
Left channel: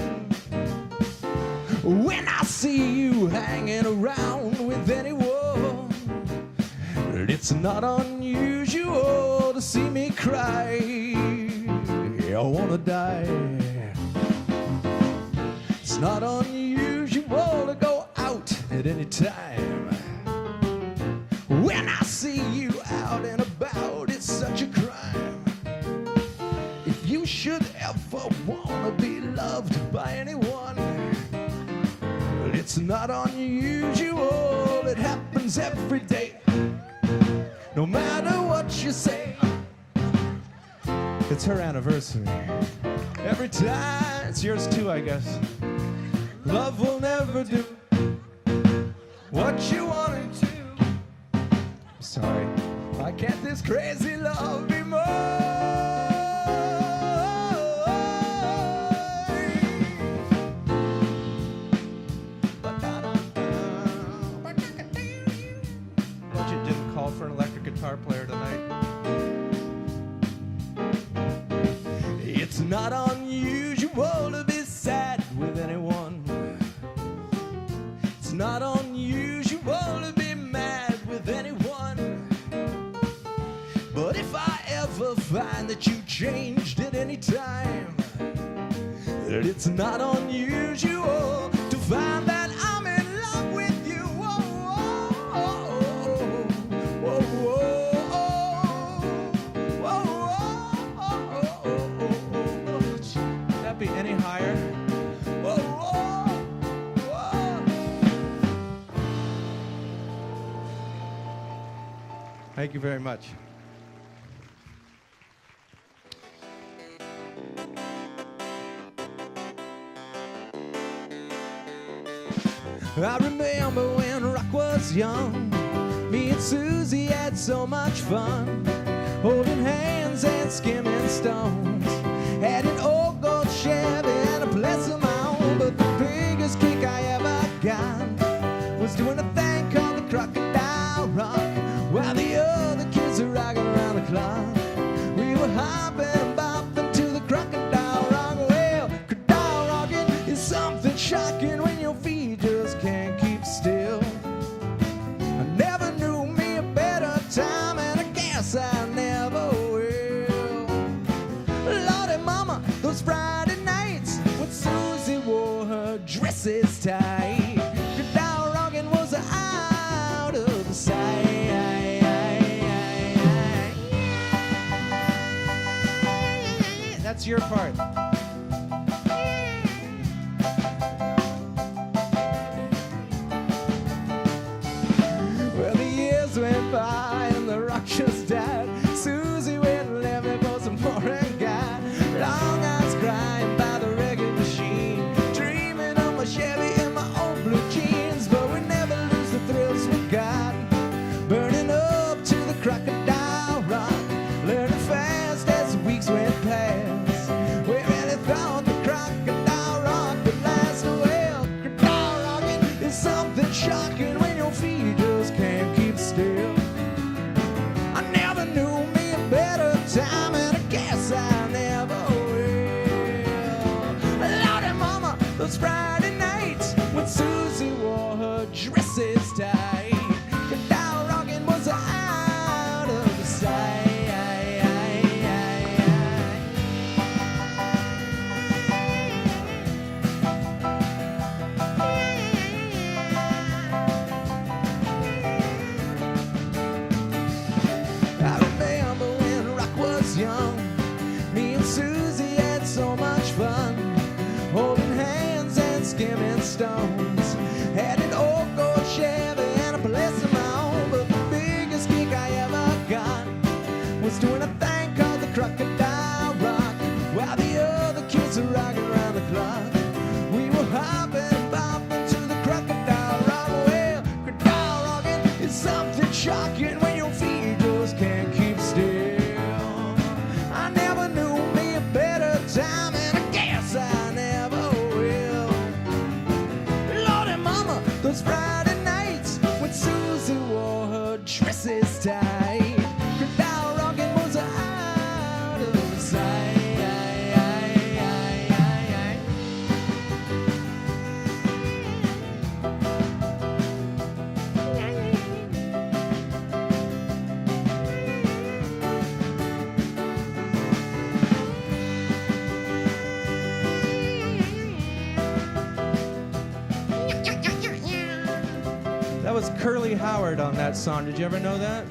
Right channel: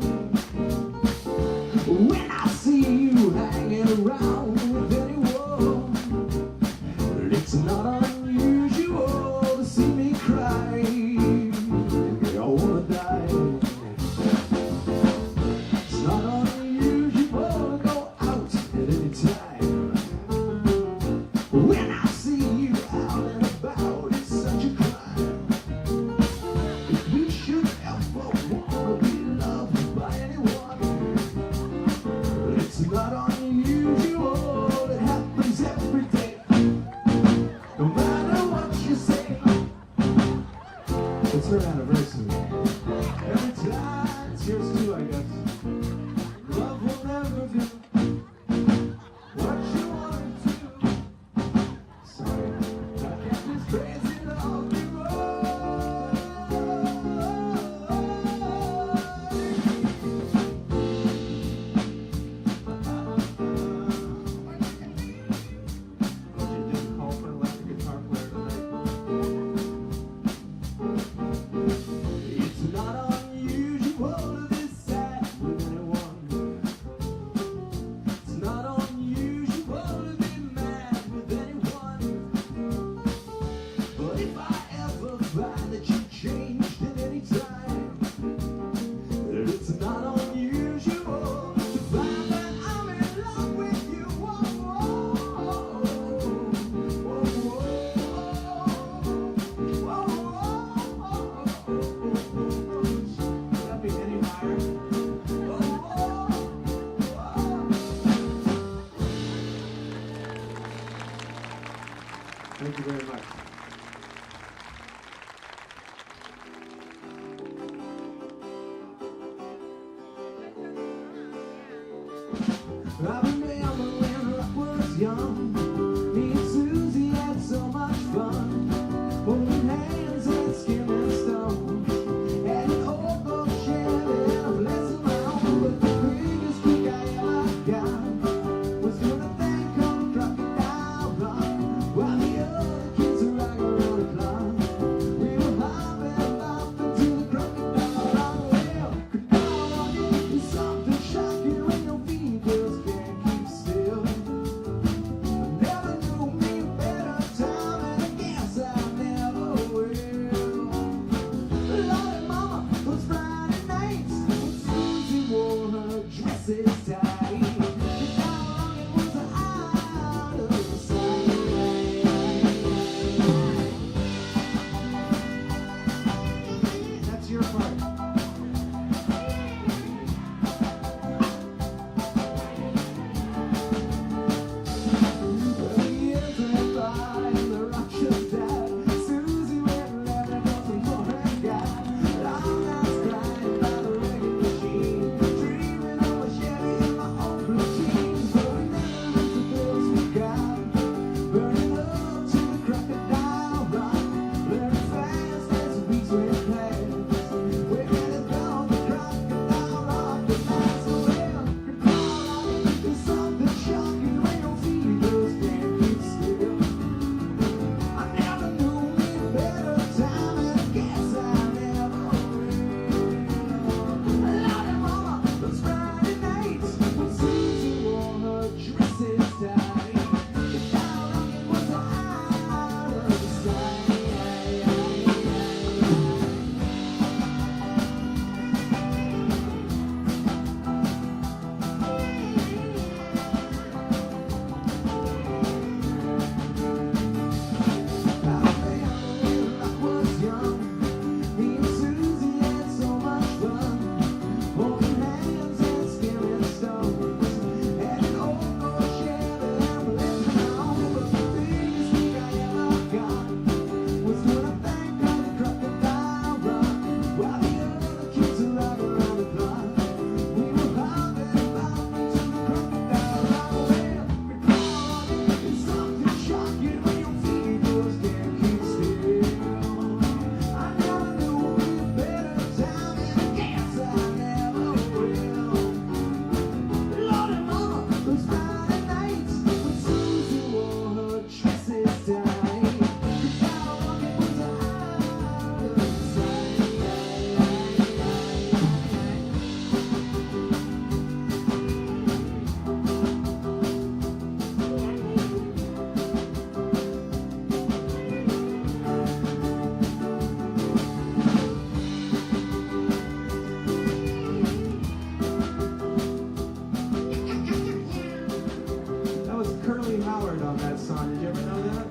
When I see you hanging around with anyone, it's not unusual to see me cry. I wanna die. It's not unusual to go out at any time. When I see you out and about, it's such a crime. If you should ever wanna be loved by anyone, it's not unusual, it happens every day. No matter what you say, it's her anniversary. Every time, it's yours too, I guess. Love will never do what you want it to. Sorry, why can't this crazy love be mine? But you didn't call for an electric guitar player tonight. It's not unusual to be sad with anyone. It's not unusual to be mad with anyone. But if I ever find that you changed at any time, that it's not unusual to find that I'm in love with you. Whoa, whoa, whoa, whoa, whoa, whoa, whoa. Can that be any higher? Whoa, whoa, whoa. Thank you very much. I remember when rock was young, me and Susie had so much fun, holding hands and skimming stones. Had an old gold Chevy and a place of my own, but the biggest kick I ever got was doing a thing called the crocodile rock, while the other kids are rocking around the clock. We were hopping and bopping to the crocodile rock. Well, crocodile rocking is something shocking when your feet just can't keep still. I never knew me a better time, and I guess I never will. Lordy mama, those Friday nights when Susie wore her dresses tight, crocodile rocking was out of sight. That's your part. word on that song. Did you ever know that?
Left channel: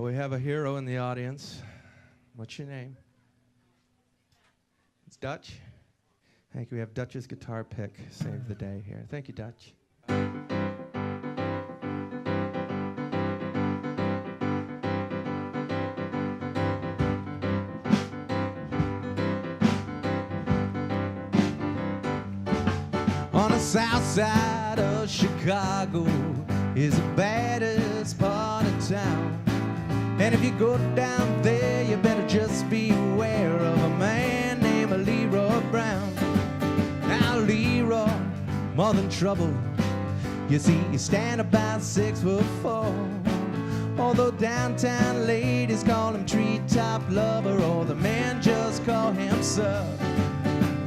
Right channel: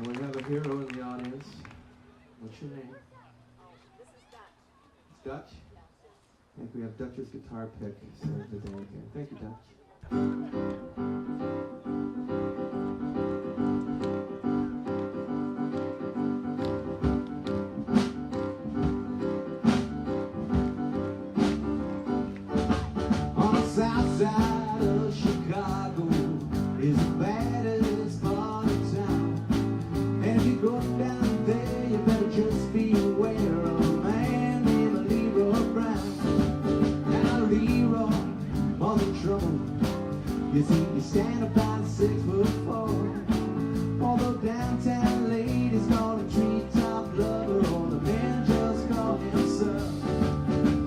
We have a hero in the audience. What's your name? It's Dutch? Thank you. We have Dutch's guitar pick. Save the day here. Thank you, Dutch. On the south side of Chicago is the baddest part of town. And if you go down there, you better just be aware of a man named Leroy Brown. Now Leroy, more than trouble. You see, you stand about 6'4". Although downtown ladies call him treetop lover, or the men just call him sir.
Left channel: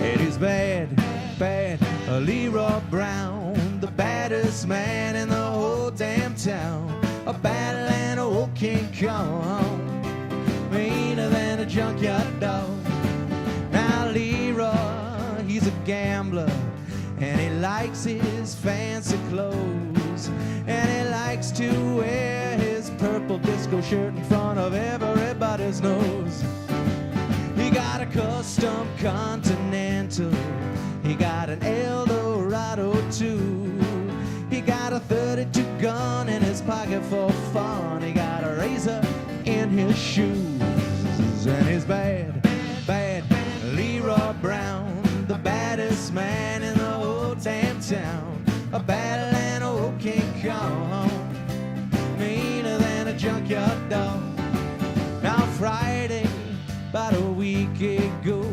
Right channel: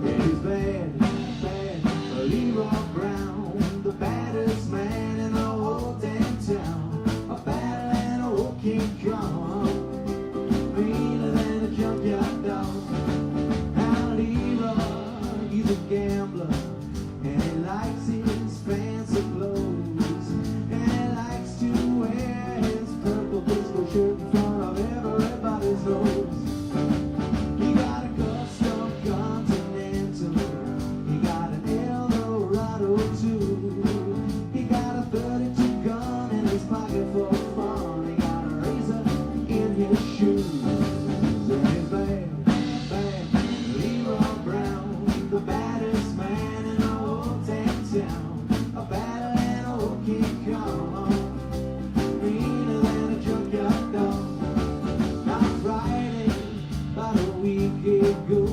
It is bad, bad, Leroy Brown, the baddest man in the whole damn town. A battle and a old King Kong, meaner than a junkyard dog. Now Leroy, he's a gambler, and he likes his fancy clothes, and he likes to wear his purple disco shirt in front of everybody's nose. He got a custom Continental, he got an Eldorado too. He got a 32 gun in his pocket for fun. He got a razor in his shoes. And he's bad, bad, Leroy Brown, the baddest man in the whole damn town. A battle and old King Kong, meaner than a junkyard dog. Now Friday, about a week ago,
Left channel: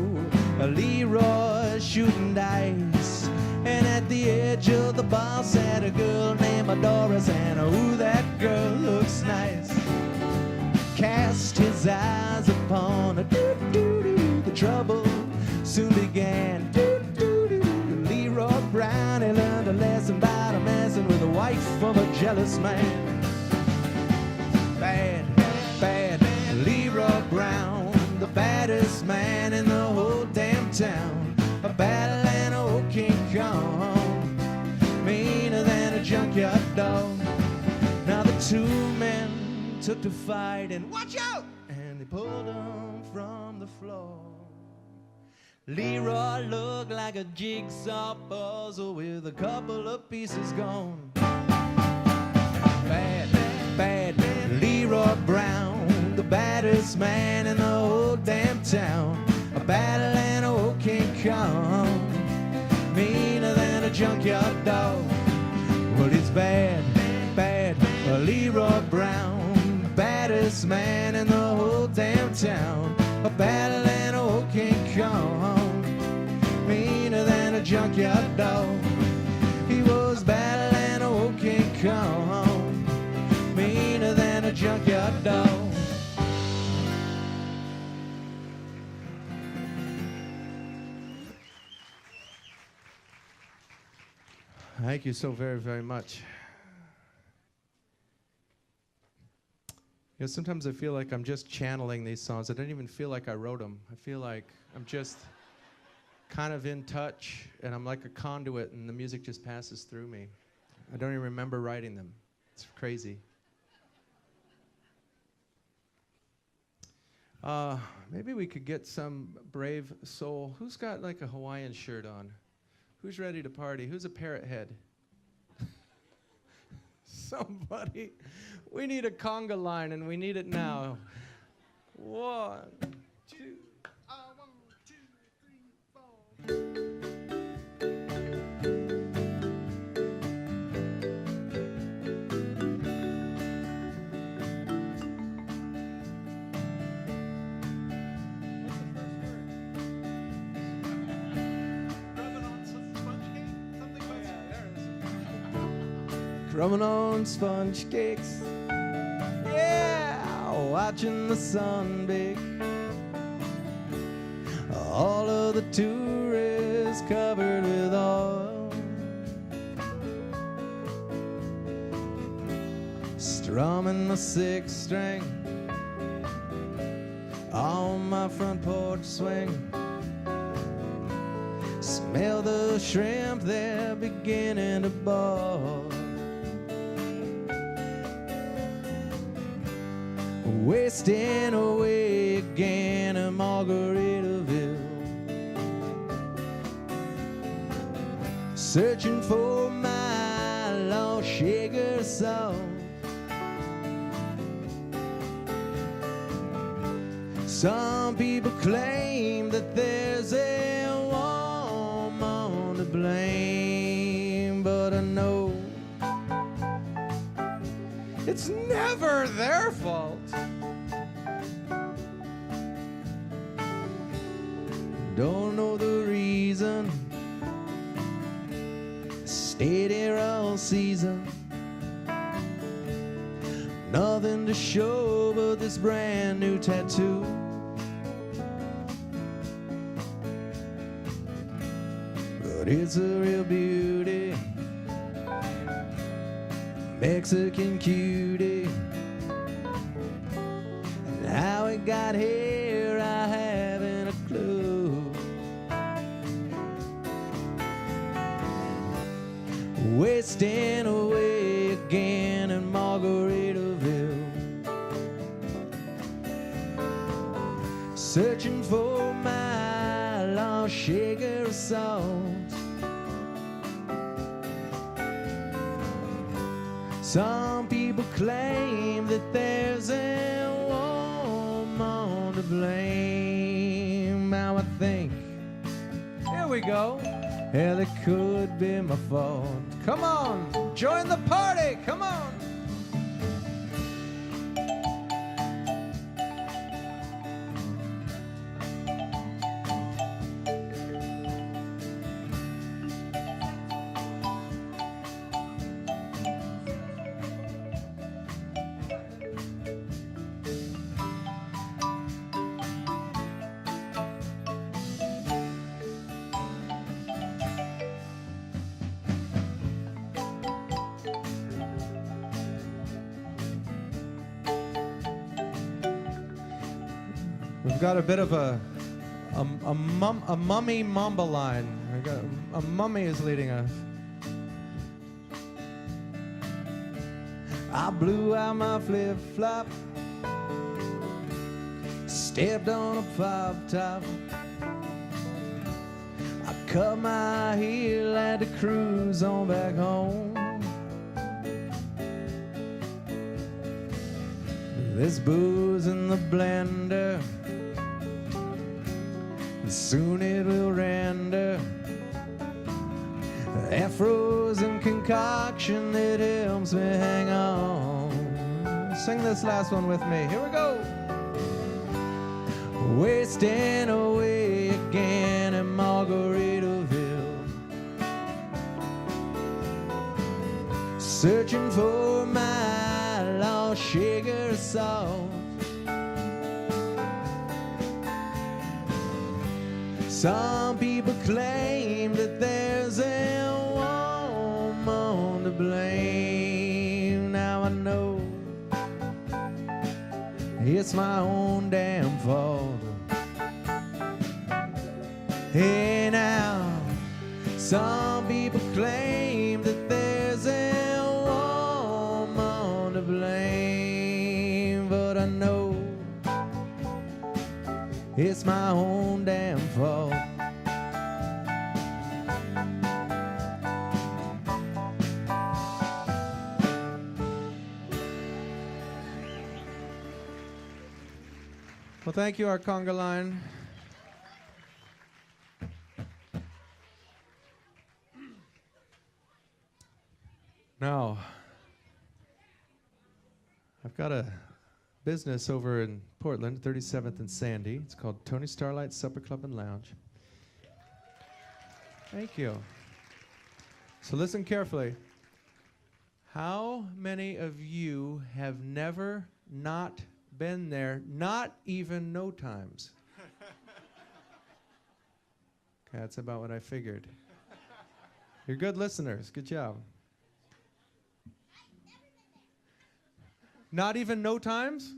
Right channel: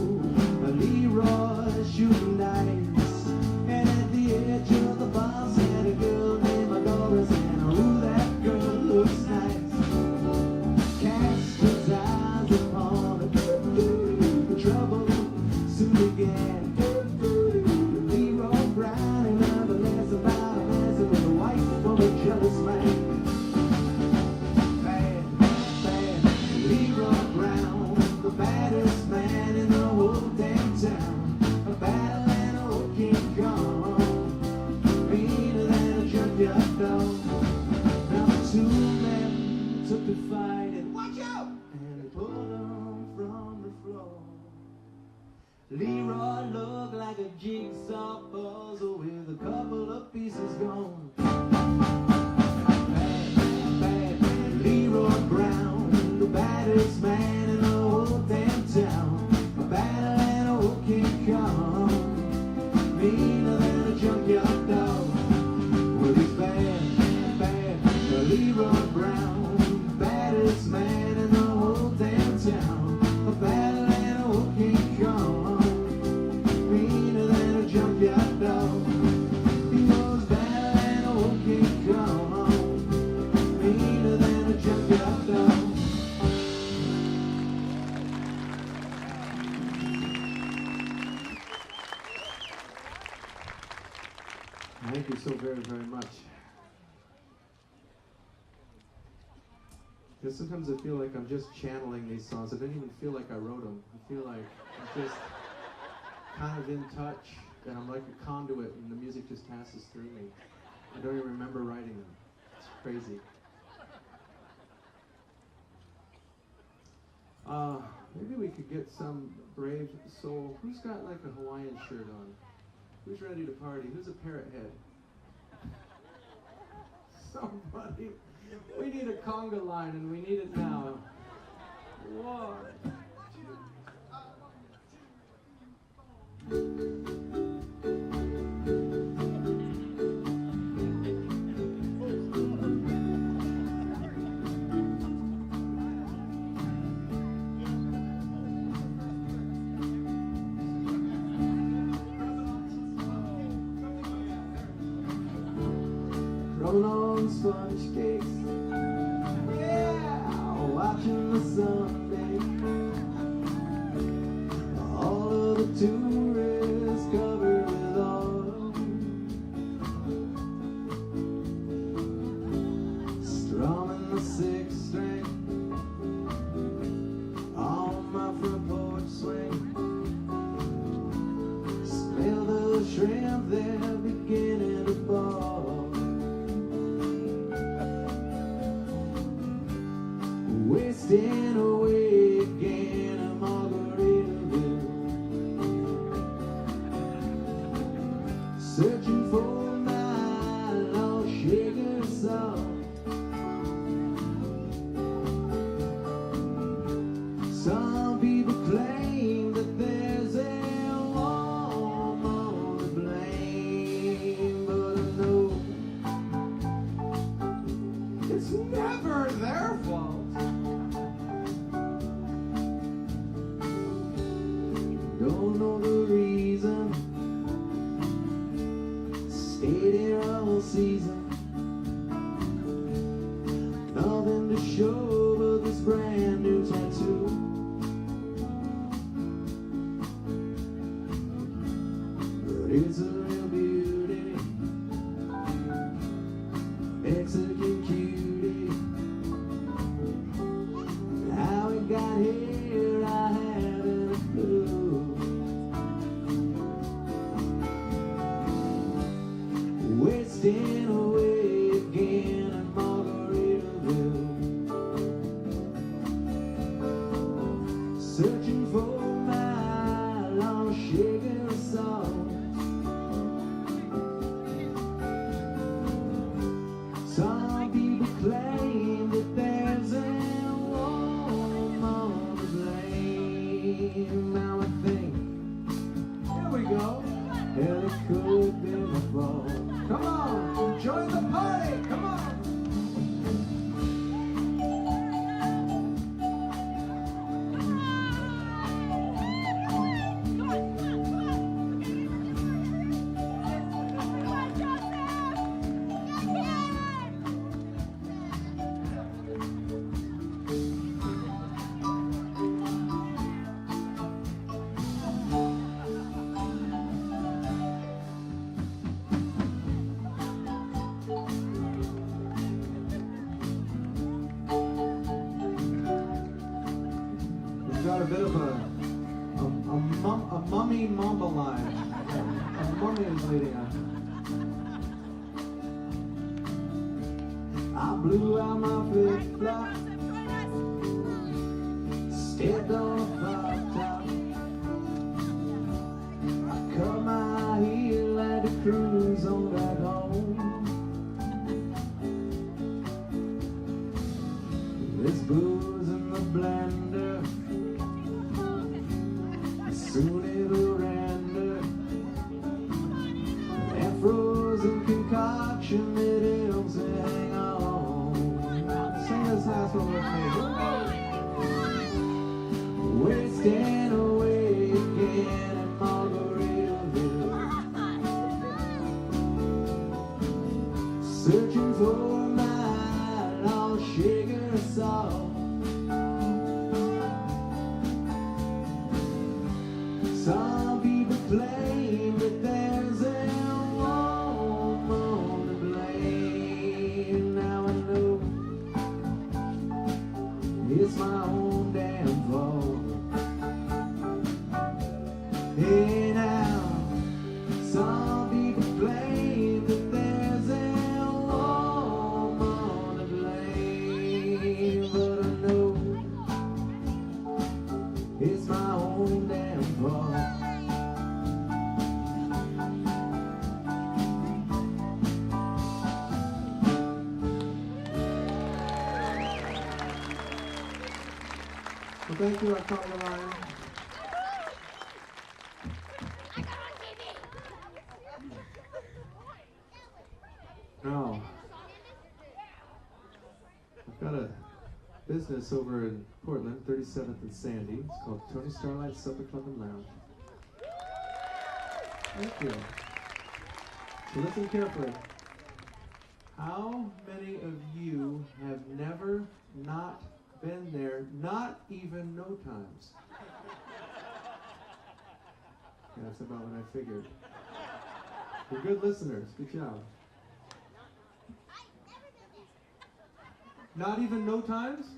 Leroy shooting dice, and at the edge of the bar sat a girl named Doris, and ooh, that girl looks nice. Cast his eyes upon her, the trouble soon began. Leroy Brown, he learned a lesson about a messing with a wife of a jealous man. Bad, bad, Leroy Brown, the baddest man in the whole damn town. A battle and a old King Kong, meaner than a junkyard dog. Now the two men took to fight, and watch out! And they pulled him from the floor. Leroy looked like a jigsaw puzzle with a couple of pieces gone. Bad, bad, Leroy Brown, the baddest man in the whole damn town. A battle and a old King Kong, meaner than a junkyard dog. Well, he's bad, bad, Leroy Brown, baddest man in the whole damn town. A battle and a old King Kong, meaner than a junkyard dog. He was bad and a old King Kong, meaner than a junkyard dog. Thank you so very, very much. You know, sometimes I feel like I'm just channeling these songs. I don't even feel like I wrote them. I feel like I'm just kind of in touch, and I'm like a conduit, and the music just passes through me. I don't even remember writing them. It's crazy. Maybe we could get some brave soul. Who's got like a Hawaiian shirt on? Who's ready to party? Who's a parrot head? Somebody. We need a conga line, and we need it now. 1, 2. Drumming on sponge cakes, yeah, watching the sun bake. All of the tourists covered with oil, sixth string on my front porch swing. Smell the shrimp, they're beginning to boil. Wasting away again in Margaritaville, searching for my lost shaker salt. Some people claim that there's a woman to blame, but I know it's never their fault. Don't know the reason, stayed here all season. Nothing to show but this brand new tattoo. But it's a real beauty, Mexican cutie. And how it got here, I haven't a clue. Wasting away again in Margaritaville, searching for my lost shaker of salt. Some people claim that there's a woman to blame. Now I think, here we go, hell, it could be my fault. Come on, join the party, come on. We've got a bit of a mummy mamba line. A mummy is leading us. I blew out my flip-flop, stepped on a pop top. I cut my heel, had to cruise on back home. There's booze in the blender, soon it'll render. That frozen concoction that helps me hang on. Sing this last one with me. Here we go. Wasting away again in Margaritaville, searching for my lost shaker of salt. Some people claim that there's a woman to blame. Now I know it's my own damn fault. Hey now, some people claim that there's a woman to blame, but I know it's my own damn fault. Well, thank you, our conga line. Now, I've got a business over in Portland, 37th and Sandy. It's called Tony Starlight Supper Club and Lounge. Thank you. So listen carefully. How many of you have never not been there, not even no times? Okay, that's about what I figured. You're good listeners. Good job. Not even no times?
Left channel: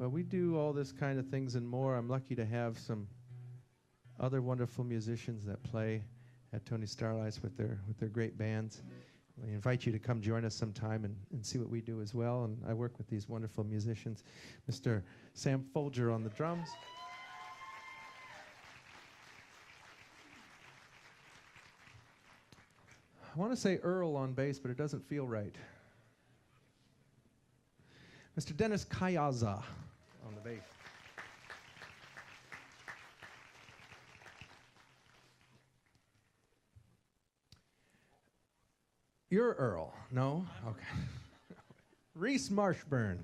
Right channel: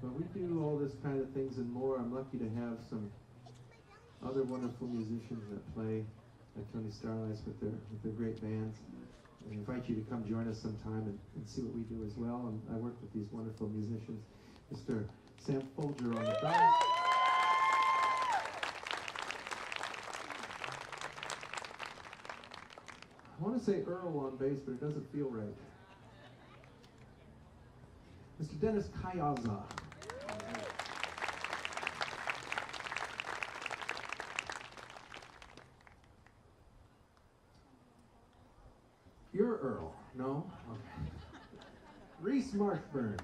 But we do all this kind of things and more. I'm lucky to have some other wonderful musicians that play at Tony Starlight's with their great bands. I invite you to come join us sometime and see what we do as well. And I work with these wonderful musicians. Mr. Sam Folger on the drums. I want to say Earl on bass, but it doesn't feel right. Mr. Dennis Kayaza on bass. You're Earl, no? Okay. Reese Marshburn.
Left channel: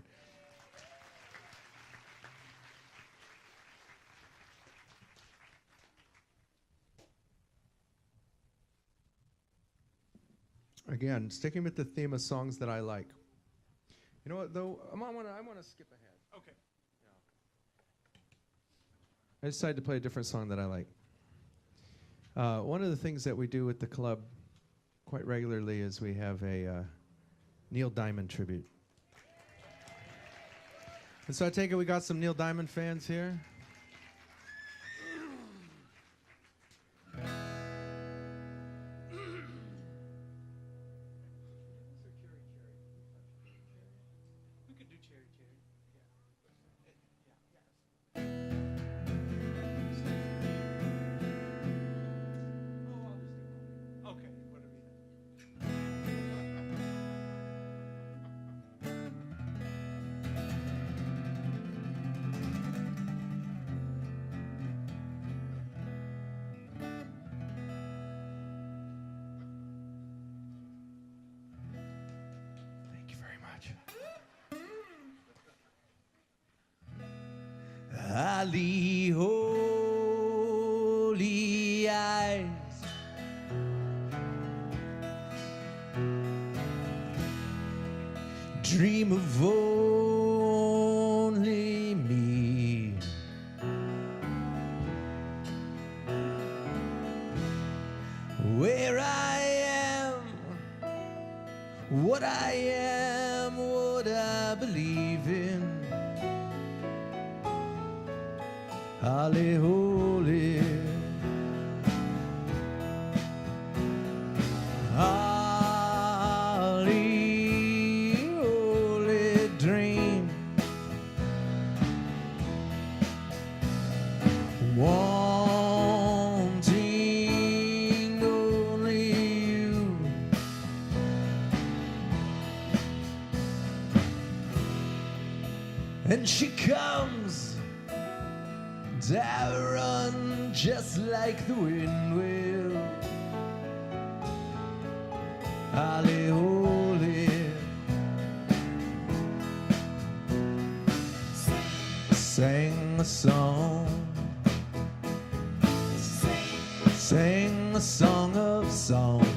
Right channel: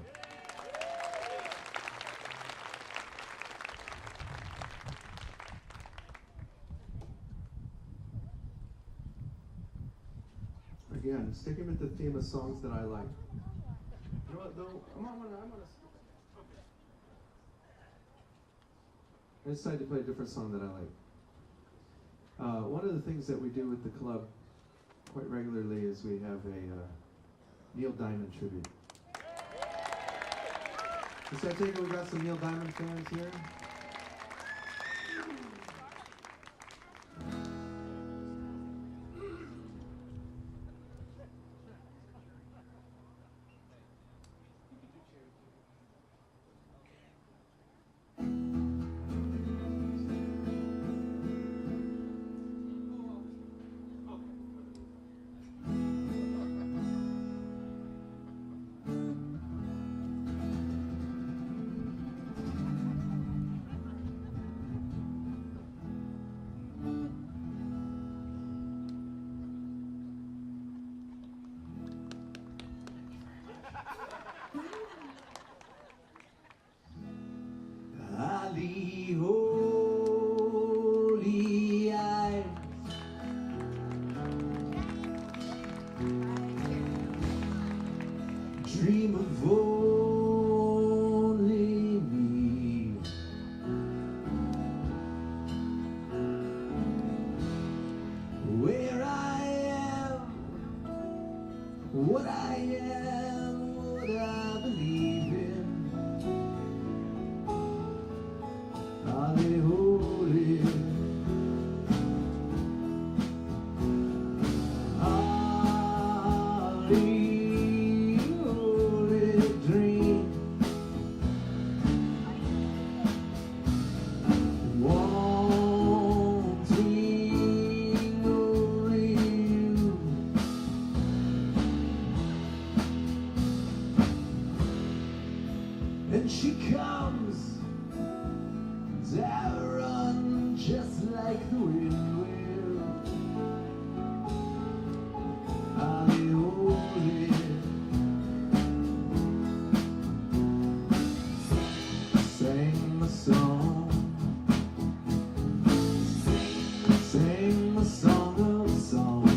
Again, sticking with the theme of songs that I like. You know what, though? I want to skip ahead. Okay. I decided to play a different song that I like. One of the things that we do with the club quite regularly is we have a Neil Diamond tribute. And so I take it we got some Neil Diamond fans here. Holy, holy eyes, dream of only me. Where I am, what I am, what I believe in. Holy, holy, holy, holy dream, wanting only you. And she comes, I run just like the wind will. Holy, holy, sing a song, sing a song of songs,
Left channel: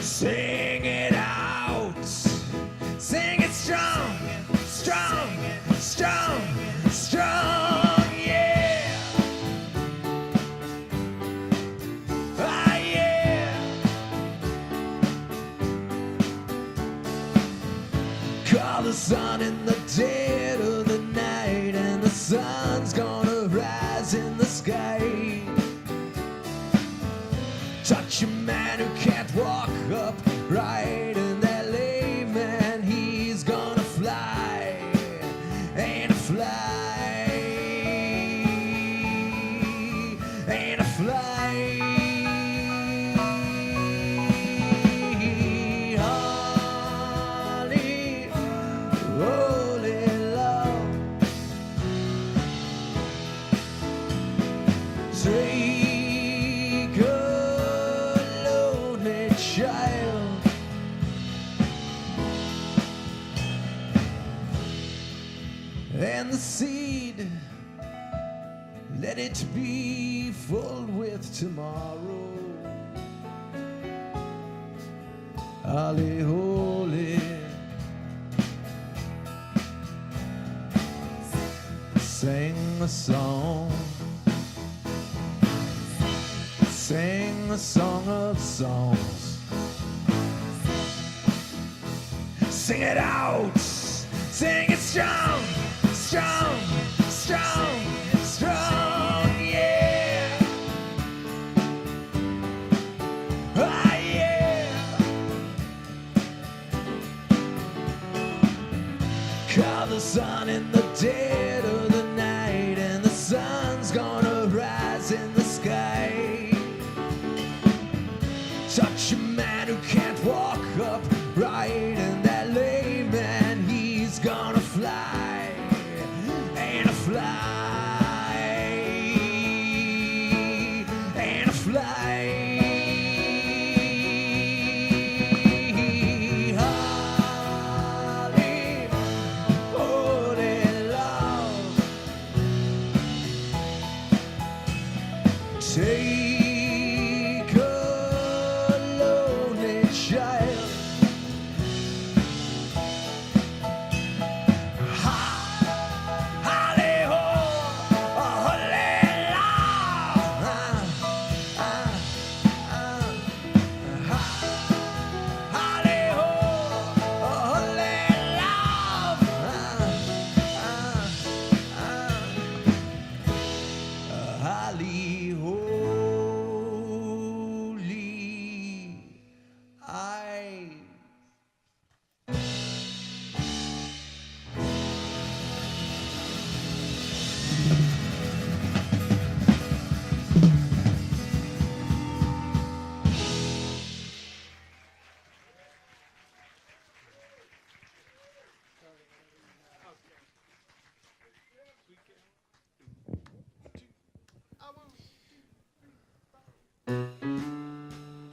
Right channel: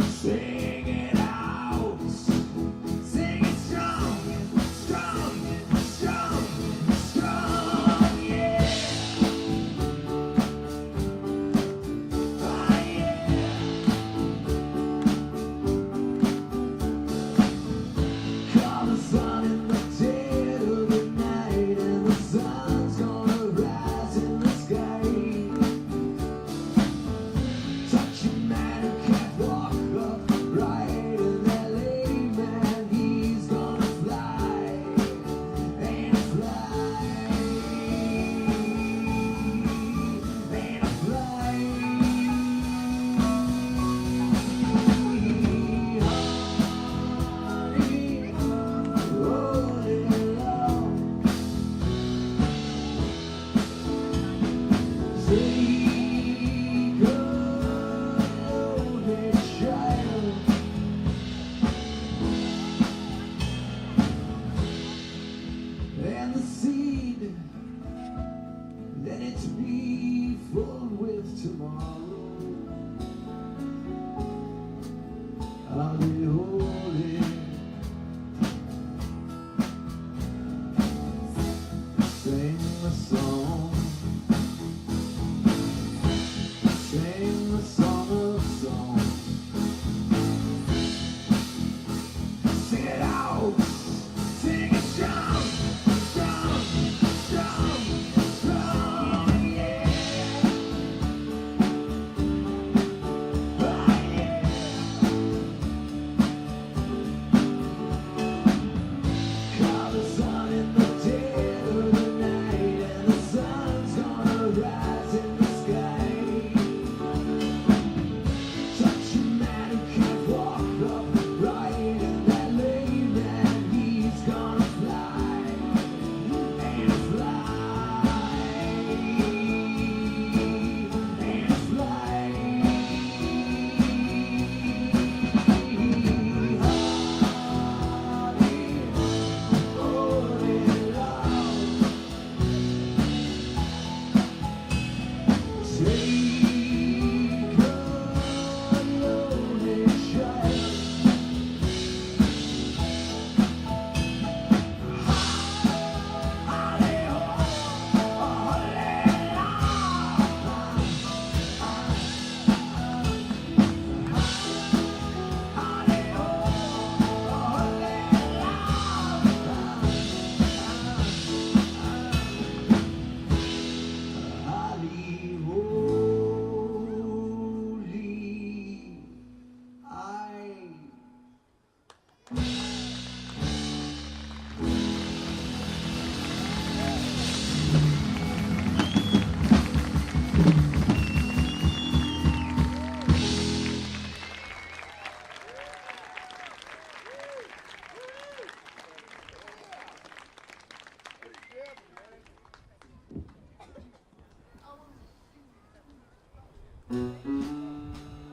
sing it out, sing it strong, strong, strong, strong, yeah. Ah, yeah. Call the sun in the dead of the night, and the sun's gonna rise in the sky. Touch a man who can't walk upright, and that layman, he's gonna fly. Ain't a fly, ain't a fly. Holy, holy love, take a lonely child, and the seed, let it be full with tomorrow. Holy, holy, sing a song, the song of songs. Sing it out, sing it strong, strong, strong, strong, yeah. Ah, yeah. Call the sun in the dead of the night, and the sun's gonna rise in the sky. Touch a man who can't walk upright, and that lame man, he's gonna fly. Ain't a fly, ain't a fly. Holy, holy Lord, take a lonely child. Holly, ho, holy Lord. Holly, ho, holy Lord. Holly, holy, I.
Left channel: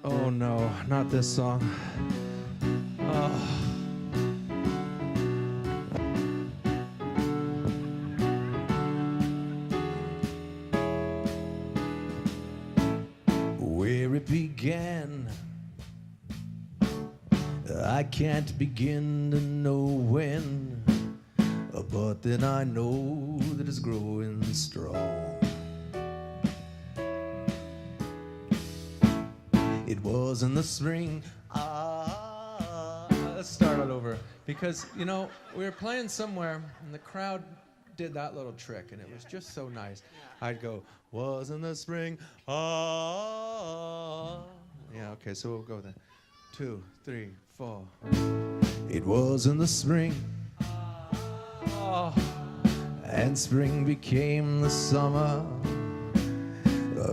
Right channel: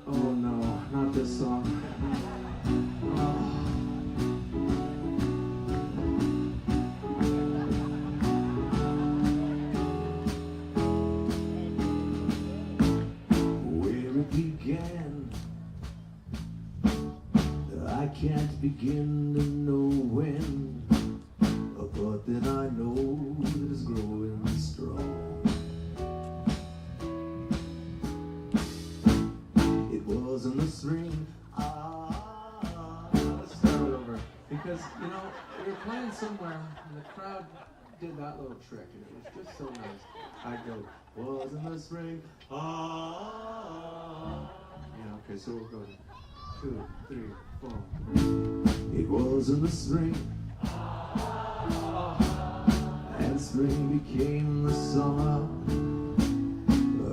Oh no, not this song. Oh. Where it began, I can't begin to know when, but then I know that it's growing strong. It was in the spring. Let's start it over. Because, you know, we were playing somewhere and the crowd did that little trick and it was just so nice. I'd go, was in the spring. Yeah, okay, so we'll go then. 2, 3, 4. It was in the spring. And spring became the summer.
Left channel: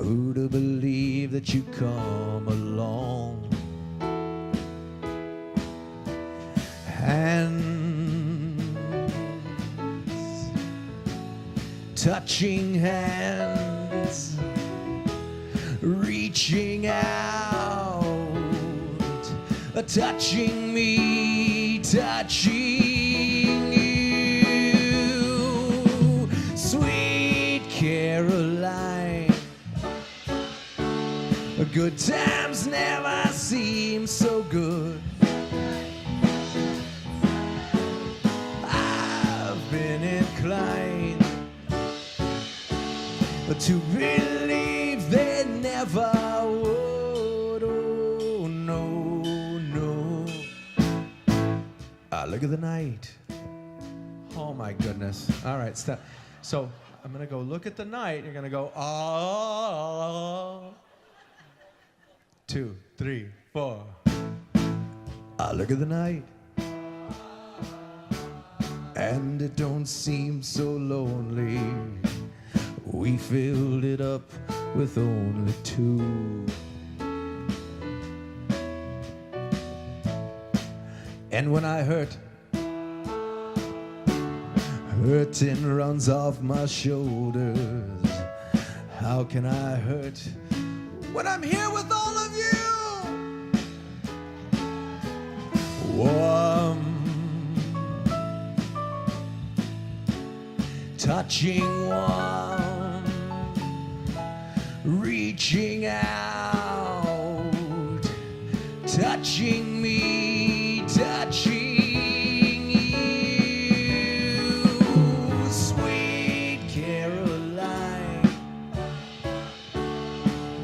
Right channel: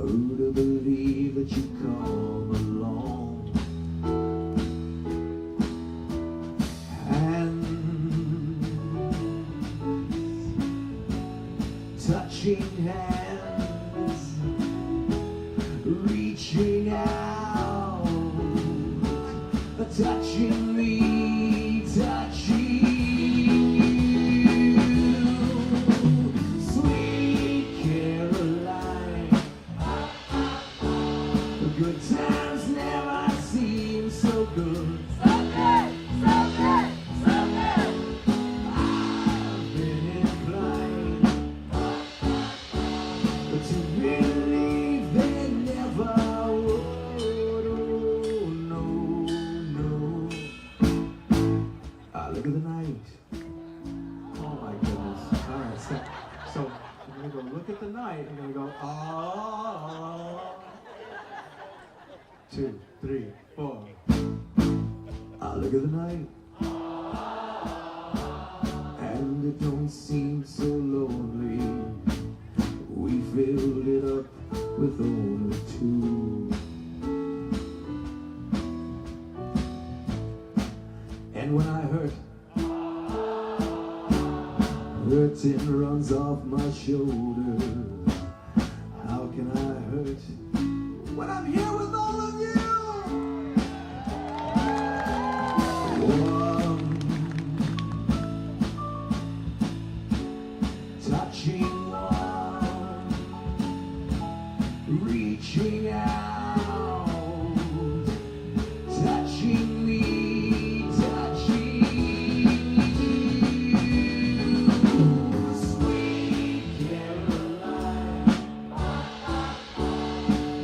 Who'd have believed that you'd come along? Hands, touching hands, reaching out, touching me, touching you. Sweet Caroline, good times never seem so good. I've been inclined to believe they never would. Oh, no, no. Look at the night. Oh my goodness. All right, stop. So I'm gonna go look at the night. You're gonna go, ah. 2, 3, 4. Look at the night. And it don't seem so lonely. We filled it up with only 2. And when I hurt, hurting runs off my shoulders. How can I hurt when I'm here with all of you? Warm, touching one, reaching out, touching me, touching you. Sweet Caroline,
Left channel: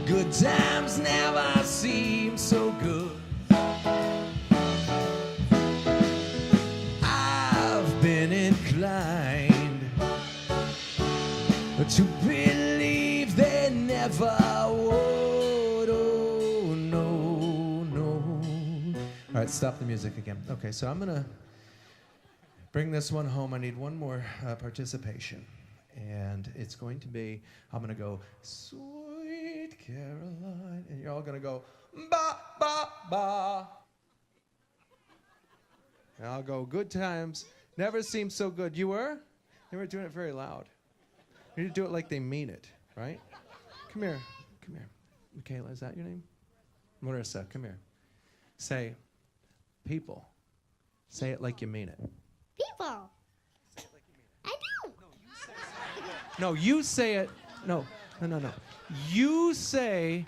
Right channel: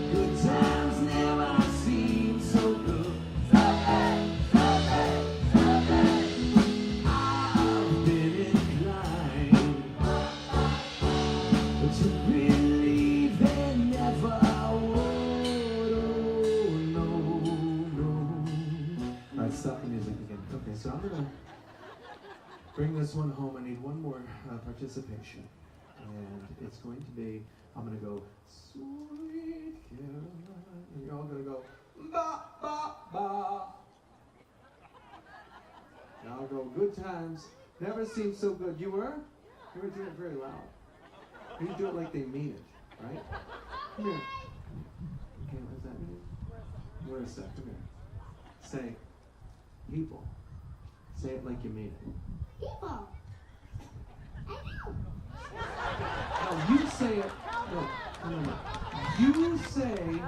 good times never stop the music again. Okay, so I'm gonna bring this one home. I need one more participation. And it's going to be, I'm gonna go, Sweet Caroline, and you're all gonna go, ba, ba, ba. And I'll go, good times, never seemed so good. You were? You were doing it very loud. You need to do it like they mean it, right? Come here, come here. Michaela, is that your name? Marissa, come here. Say, people. Say it like you mean it. People. I know. No, you say it. No. You say,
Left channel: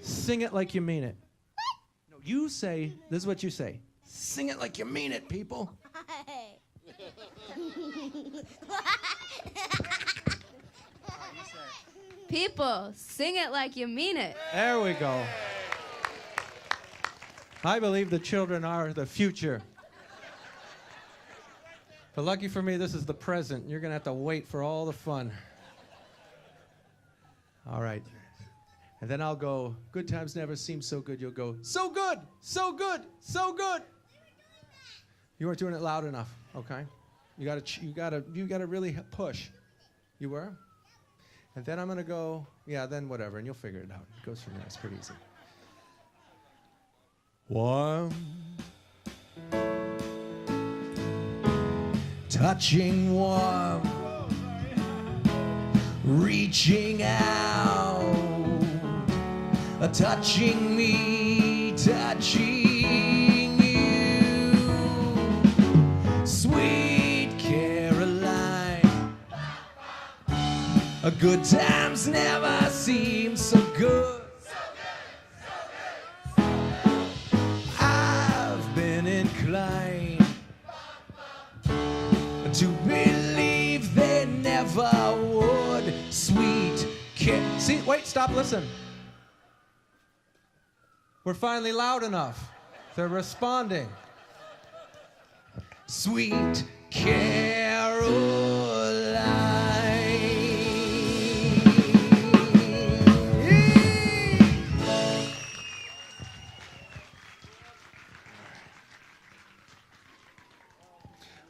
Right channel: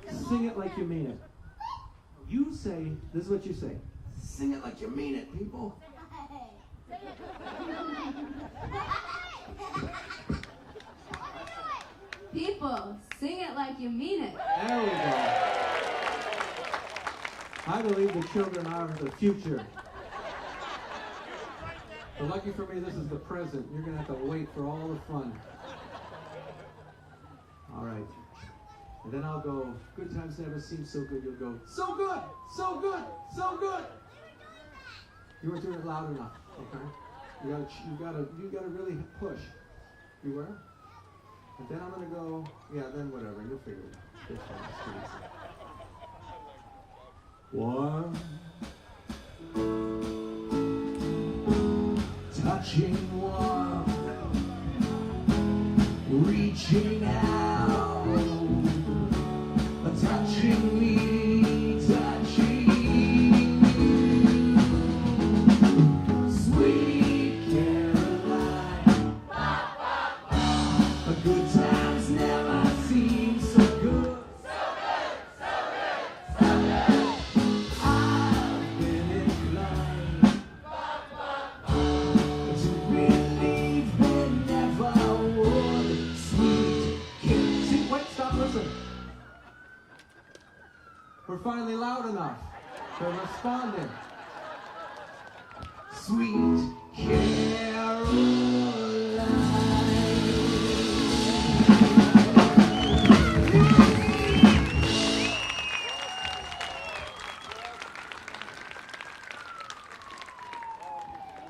sing it like you mean it. You say, this is what you say. Sing it like you mean it, people. People, sing it like you mean it. There we go. I believe the children are the future. But lucky for me, this is the present. You're going to have to wait for all the fun. All right. And then I'll go, good times never seem so good. You'll go, so good, so good, so good. You weren't doing it loud enough, okay? You gotta really push. You were? And then I'm going to go, yeah, then whatever, and you'll figure it out. It goes fine. It's pretty easy. One. Touching warm, reaching out, touching me, touching you, sweet Caroline. Good times never seem so good. I've been inclined to believe they never would. Sweet kid. See, wait, stop, listen. We're finally loud enough. They're responding. Sweet Caroline.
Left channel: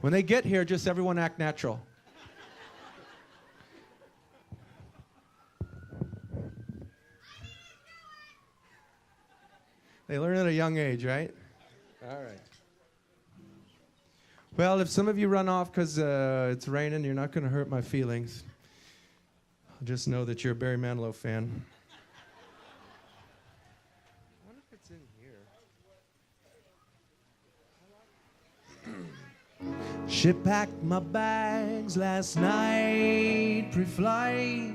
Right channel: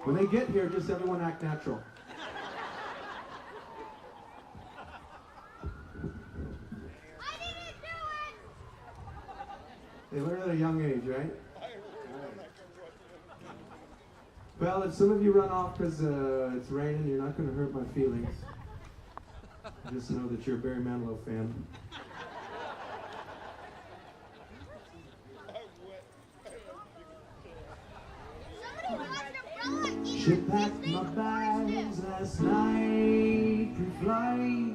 When they get here, just everyone act natural. They learn at a young age, right? All right. Well, if some of you run off because it's raining, you're not going to hurt my feelings. Just know that you're a Barry Manilow fan. She packed my bags last night, pre-flight.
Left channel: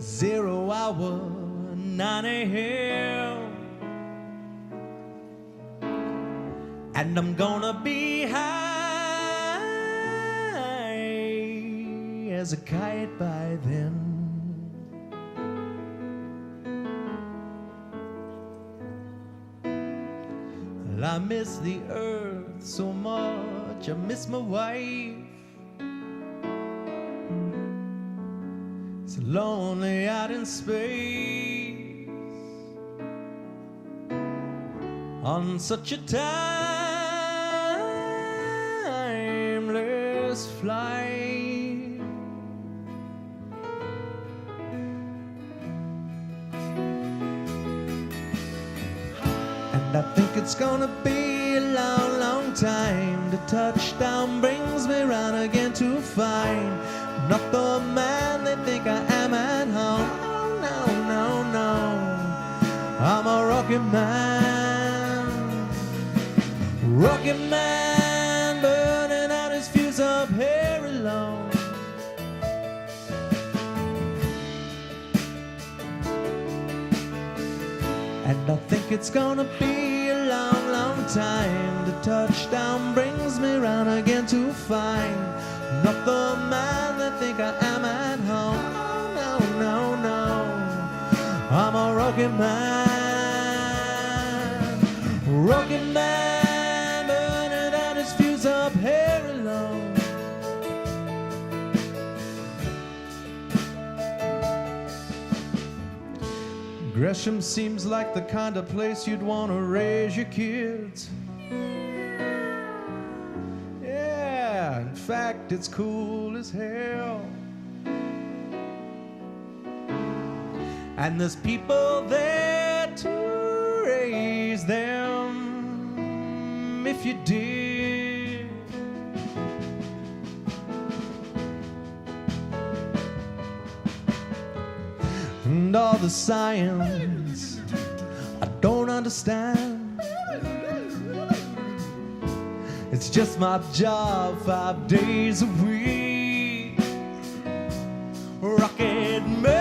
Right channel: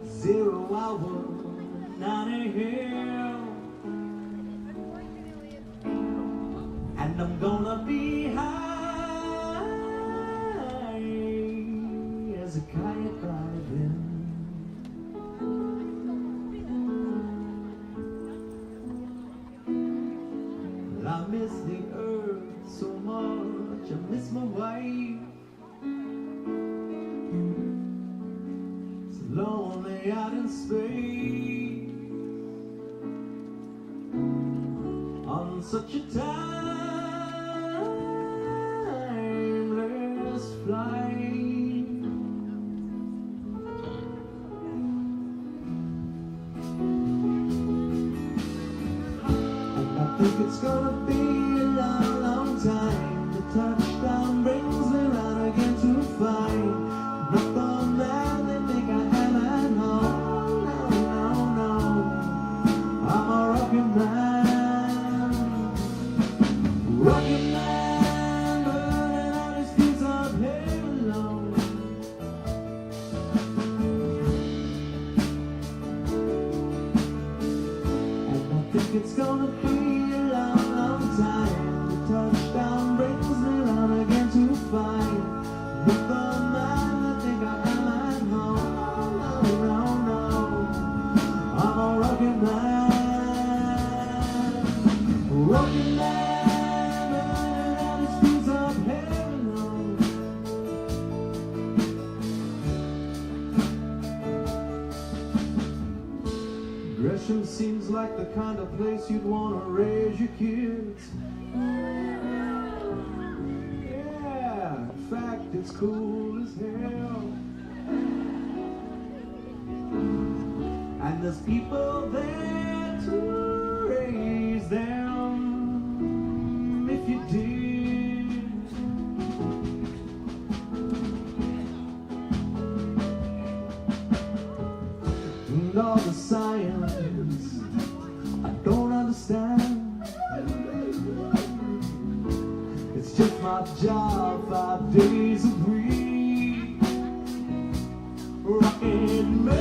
0 hour, 9 a.m. And I'm gonna be high as a kite by then. I miss the earth so much, I miss my wife. It's lonely out in space on such a timeless flight. And I think it's gonna be a long, long time. The touchdown brings me round again to find not the man they think I am at home. Oh, no, no, no. I'm a rocket man. Rocket man burning out his fuse up here alone. And I think it's gonna be a long, long time. The touchdown brings me round again to find not the man that think I am at home. Oh, no, no, no. I'm a rocket man. Rocket man burning out his fuse up here alone. Gresham seems like the kind of place you'd want to raise your kids. Yeah, in fact, it's cool as hell. And there's people there to raise them if you did. And all the science I don't understand. It's just my job 5 days a week. Rockin' man,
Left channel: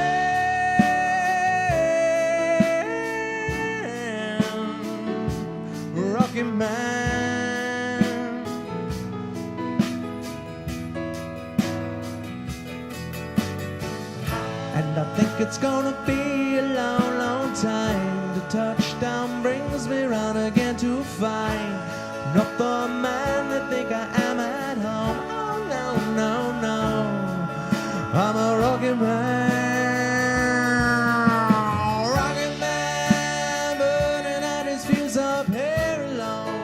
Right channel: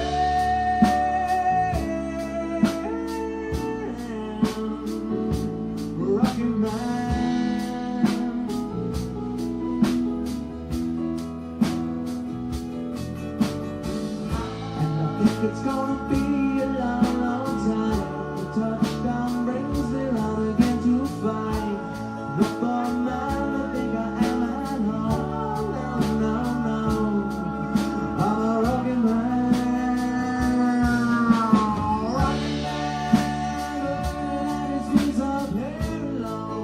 rockin' man. And I think it's gonna be a long, long time. The touchdown brings me round again to find not the man that think I am at home. No, no, no, no. I'm a rockin' man, burning out his fuse of hair alone.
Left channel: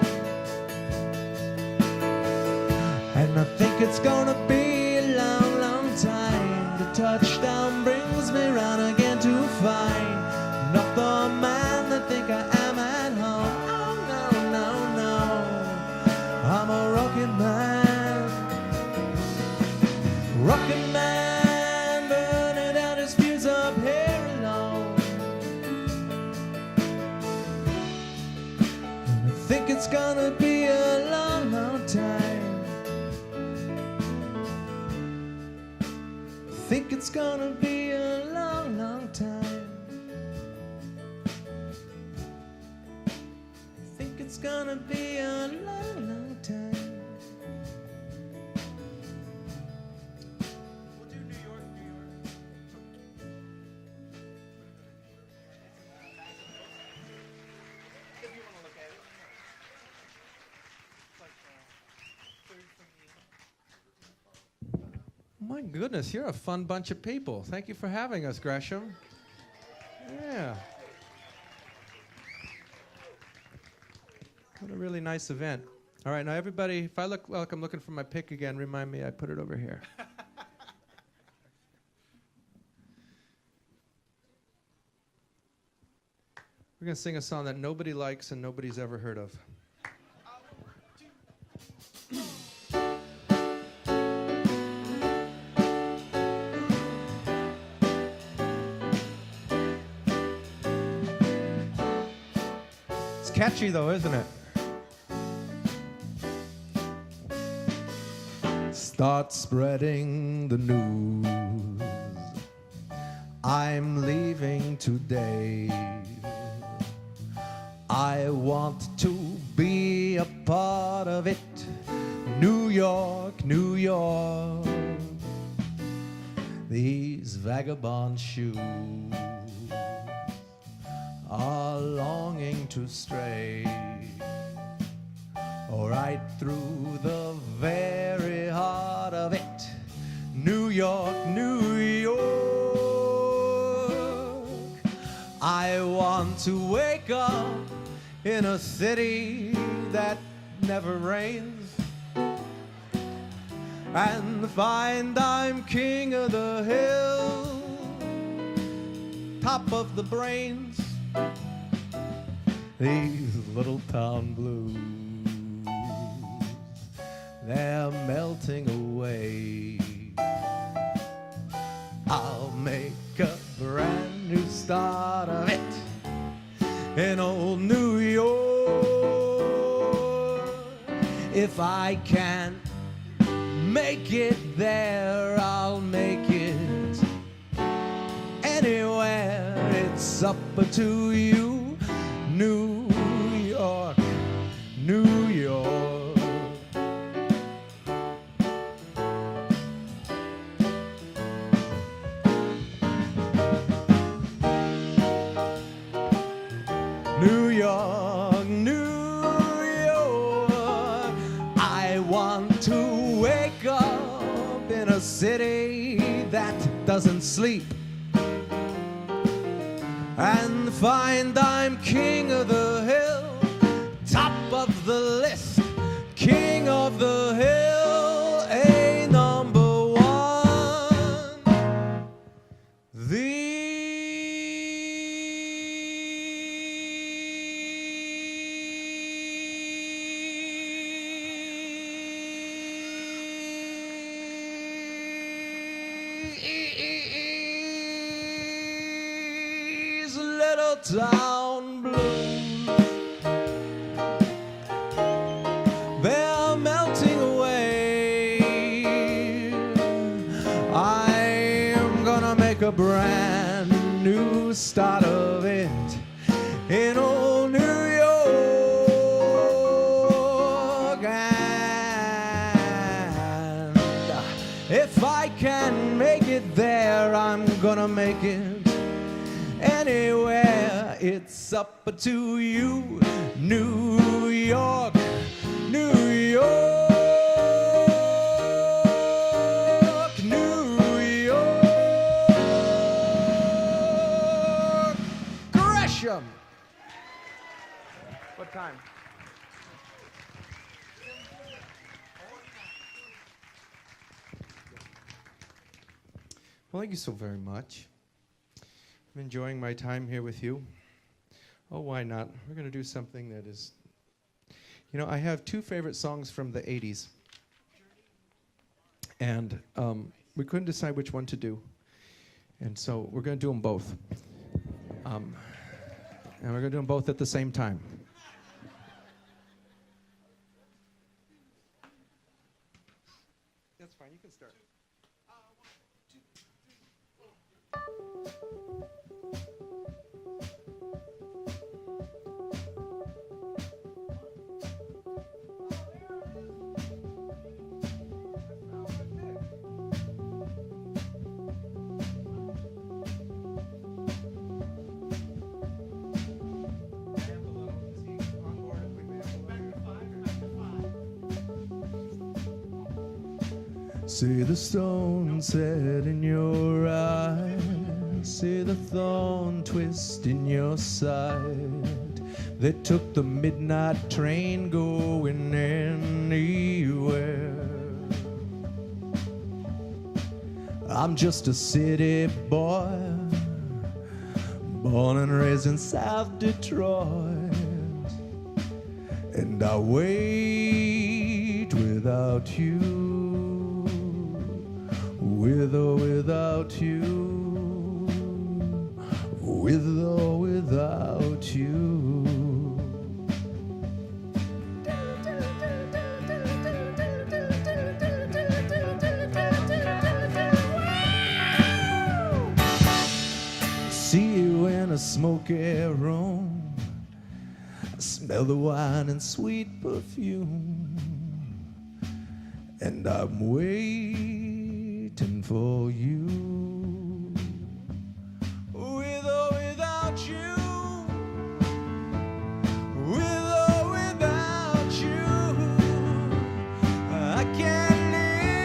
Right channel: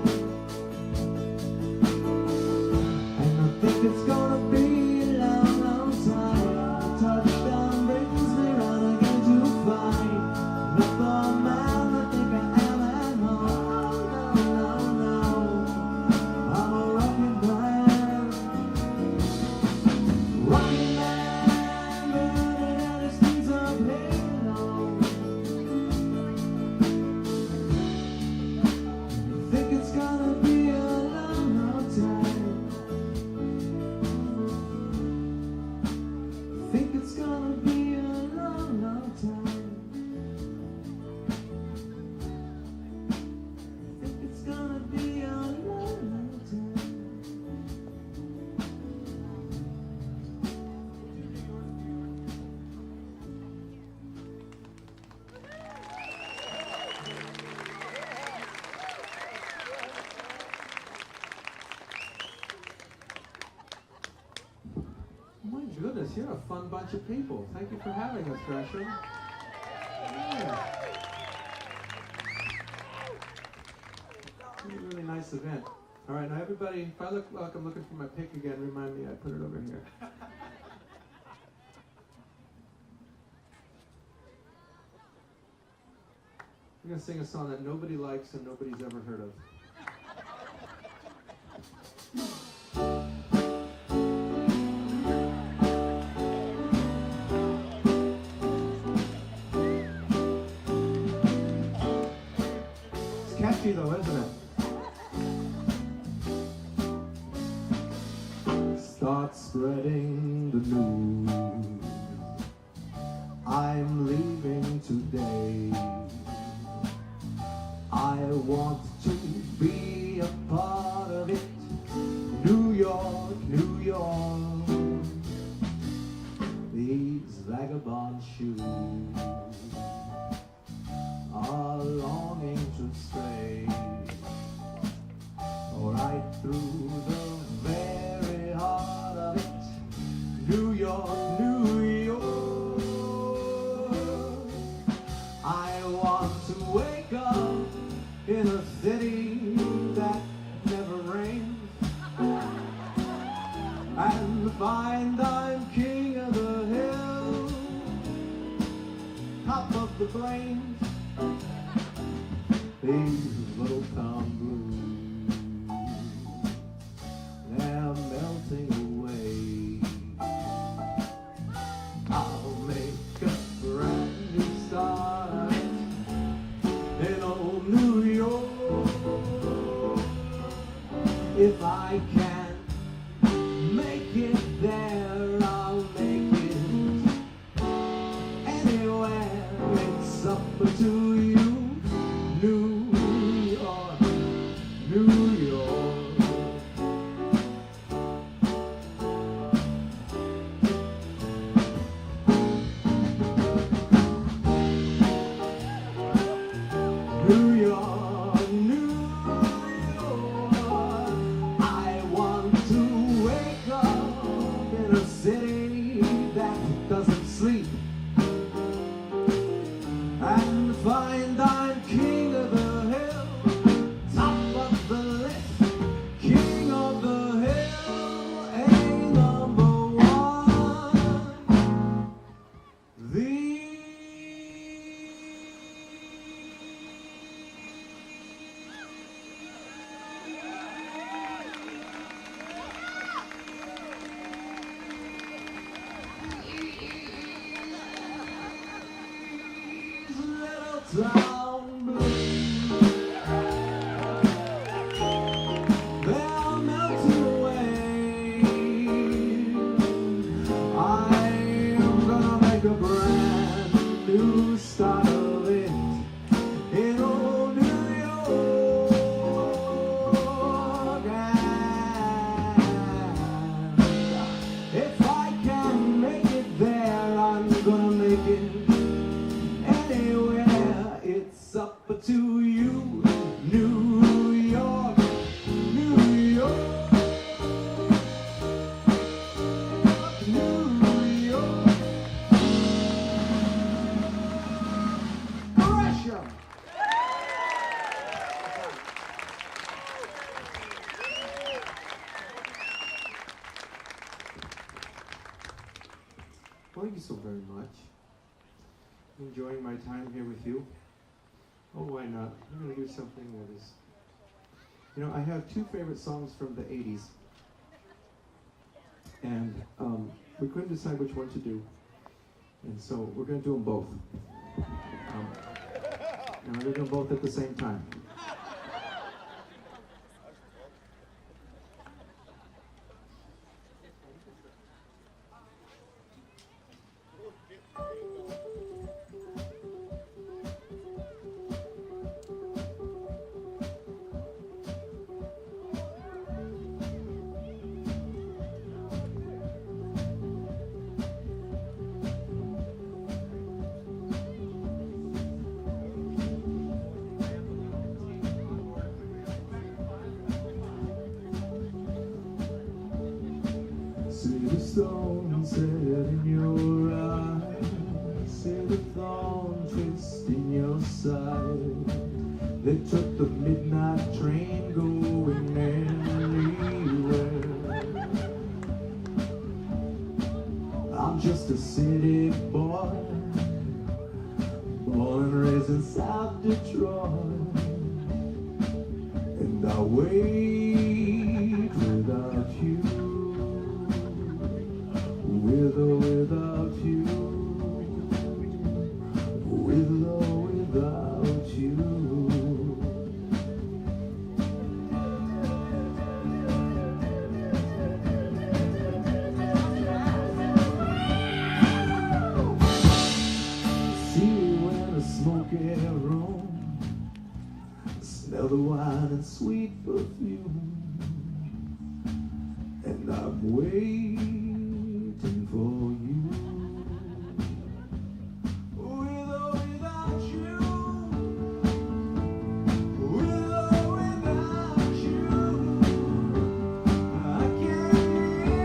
And I think it's gonna be a long, long time. The touchdown brings me round again to find not the man that think I am at home. Oh, no, no, no. I'm a rockin' man, rockin' man, burning out his fuse of hair alone. I think it's gonna be a long, long time. I think it's gonna be a long, long time. I think it's gonna be a long, long time. My goodness, you're a fun bunch of people. Thank you for having us, Gresham. Yeah. Really nice event. All right, now everybody, if I look like I'm looking for my pick again, remind me I put it over here. We're going to sing a song that nobody likes and nobody's ever heard of. It's catchy though, isn't it? Start spreading the news. I'm leaving today. I want to be a part of it. New York, New York. These vagabond shoes are longing to stray right through the very heart of it. New York, New York. I want to wake up in a city that never rains and find I'm king of the hill, top of the brains. These little town blues, they're melting away. I'll make a brand new start of it in old New York. If I can make it there, I'll make it anywhere. It's up to you. New York, New York. New York, New York. I want to wake up in a city that doesn't sleep and little town blue. They're melting away. I'm gonna make a brand new start of it in old New York. And if I can make it there, I'm gonna make it anywhere. It's up to you, New York, New York, New York. Gresham. Well, thank you so very much. I'm enjoying my time here with you. Oh, why not? We're going to do something that is... You know, I have two favorite songs from the 80s. And we couldn't decide which one to do. And so we're going to do them both. And we're going to do them both at the same time. See the stone set in your eye, see the thorn twist in your side. They took the midnight train going anywhere. I'm just a city boy, born and raised in South Detroit, and I wait without you. With or without you, with or without you. See you in a smoky room, smell the wine and sweet perfume, and I'm waiting for you. With or without you, with or without you, I can't live.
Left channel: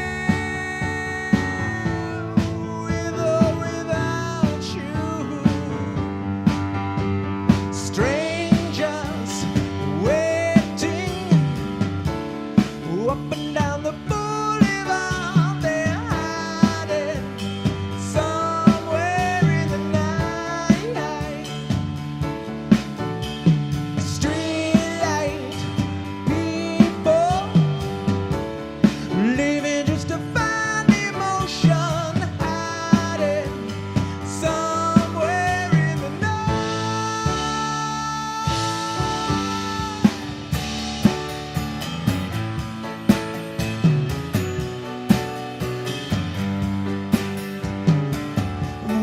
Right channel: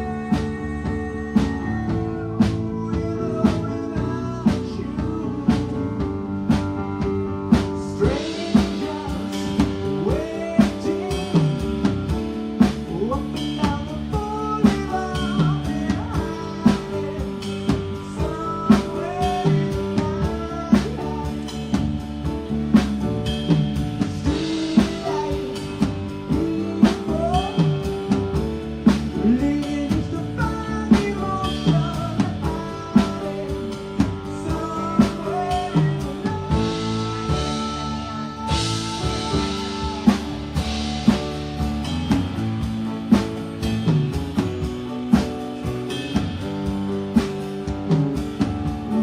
With or without you, strangers waiting up and down the boulevard. They're hiding somewhere in the night. Streetlight people living just to find emotion, hiding somewhere in the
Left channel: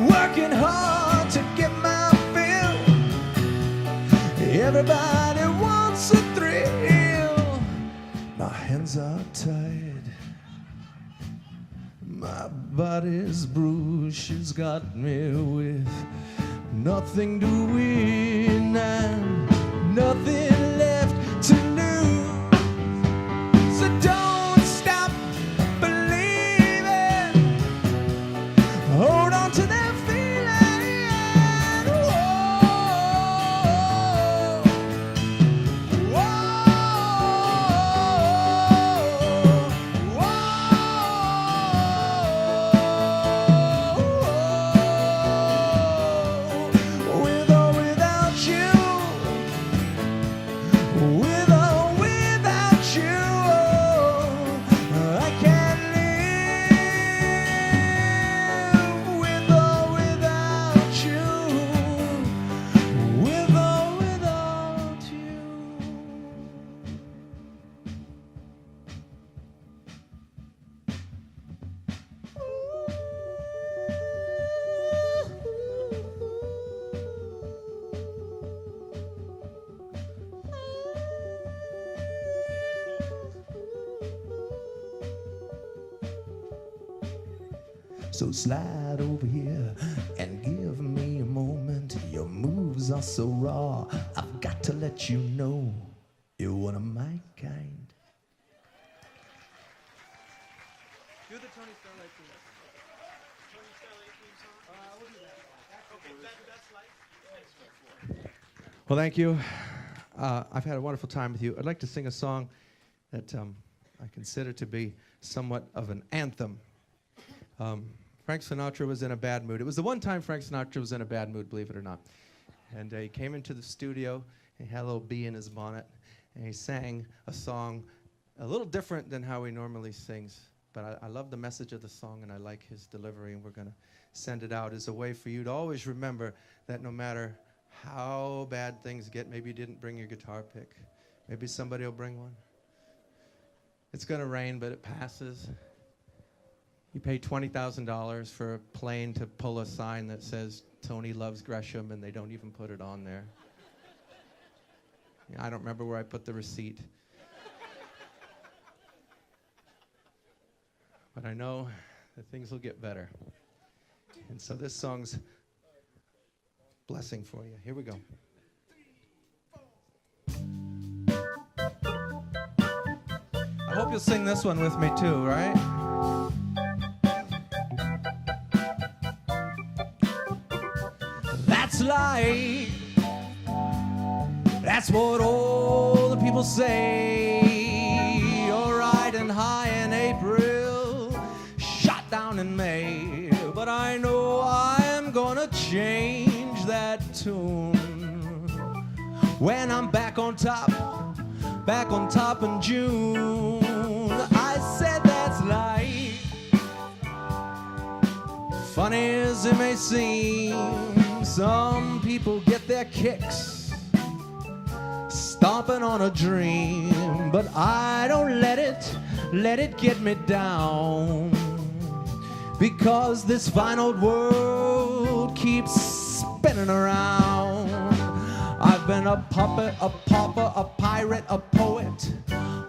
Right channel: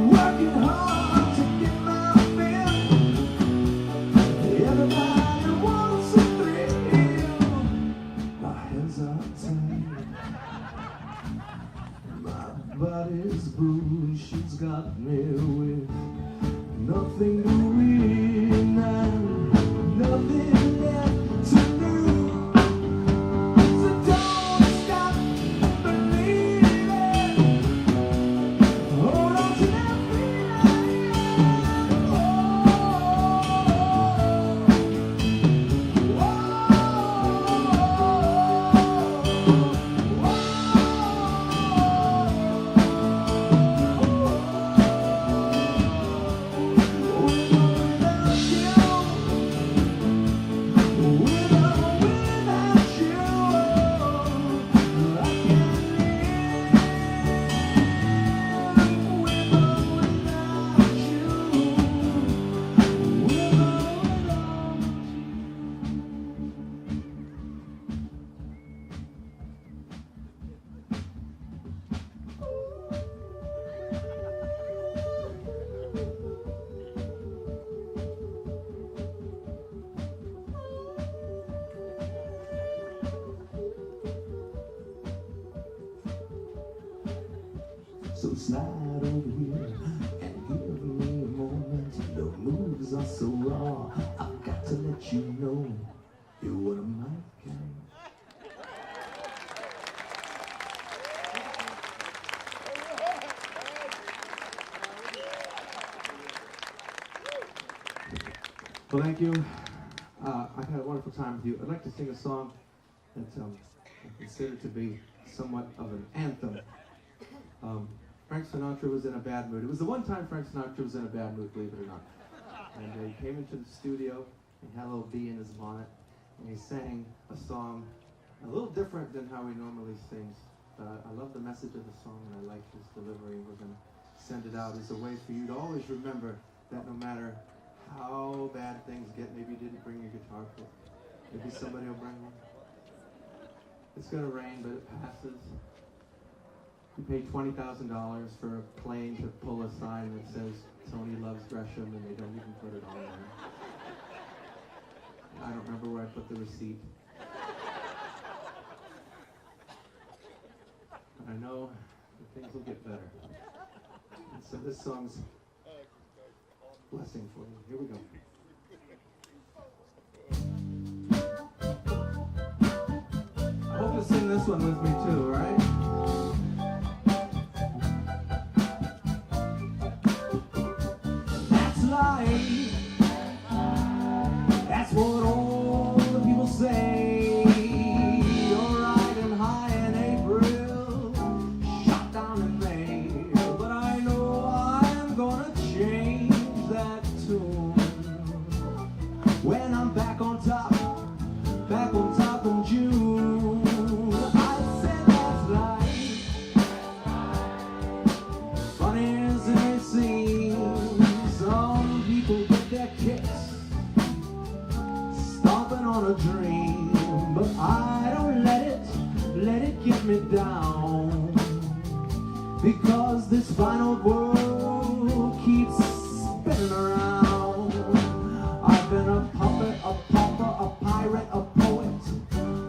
working hard to get my fill. Everybody wants a thrill. My hands are tied, my body's bruised. She's got me with nothing to win and nothing left to lose. So don't stop believing. Hold on to that feeling. Whoa, whoa, whoa. With or without you, So slide over here and give me a moment. Your moves are so raw, I've got to let you know you're one of my kind. Well, thank you. I've had a wonderful time with you. I'd like to sing a song that I consider to be somewhat of an anthem. Frank Sinatra was in a bad mood. It was the one time Frank Sinatra was in a bad mood, believe it or not. And he came into the studio, he had a little bee in his bonnet, and he sang a song a little different than how he normally sings. But I love the message of the song, and I like his delivery, and we're going to send it out as a way for you to always remember that no matter how bad things get, maybe you didn't bring your guitar pick. Maybe somebody will bring one. It's going to rain, but it passes. You pay $20,000 for a plane to pull a sign that says Tony loves Gresham, and they don't even put it on there. I don't remember where I put the receipt. But I know that things will get better. And so this song's blessing for you. Here we go. I hope you'll sing this one with me too, right? That's life. That's what all the people say. You're riding high in April, shot down in May. But I know I'm gonna change that tune when I'm back on top in June. I said that's life. Funny as it may seem, some people get their kicks stomping on a dream, but I don't let it get me down, because this fine old world keeps spinning around. I've been a puppet, a pauper, a pirate, a poet,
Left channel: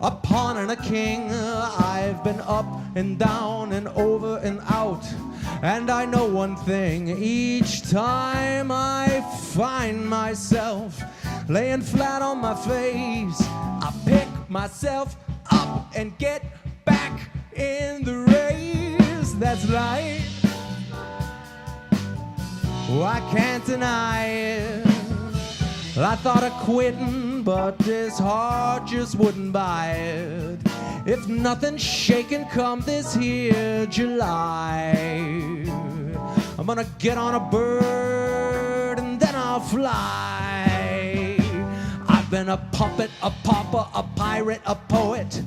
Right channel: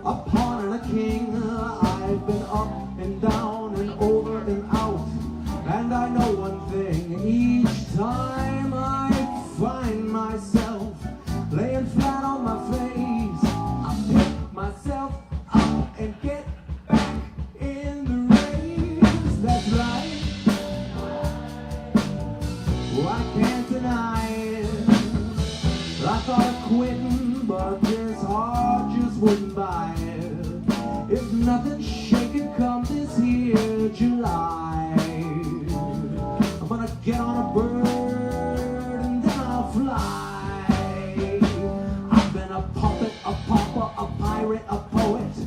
a pawn and a king. I've been up and down and over and out, and I know one thing: each time I find myself laying flat on my face, I pick myself up and get back in the race. That's life. Oh, I can't deny it. I thought of quitting, but this heart just wouldn't buy it. If nothing's shaking come this here July, I'm gonna get on a bird and then I'll fly. I've been a puppet, a pauper, a pirate, a poet,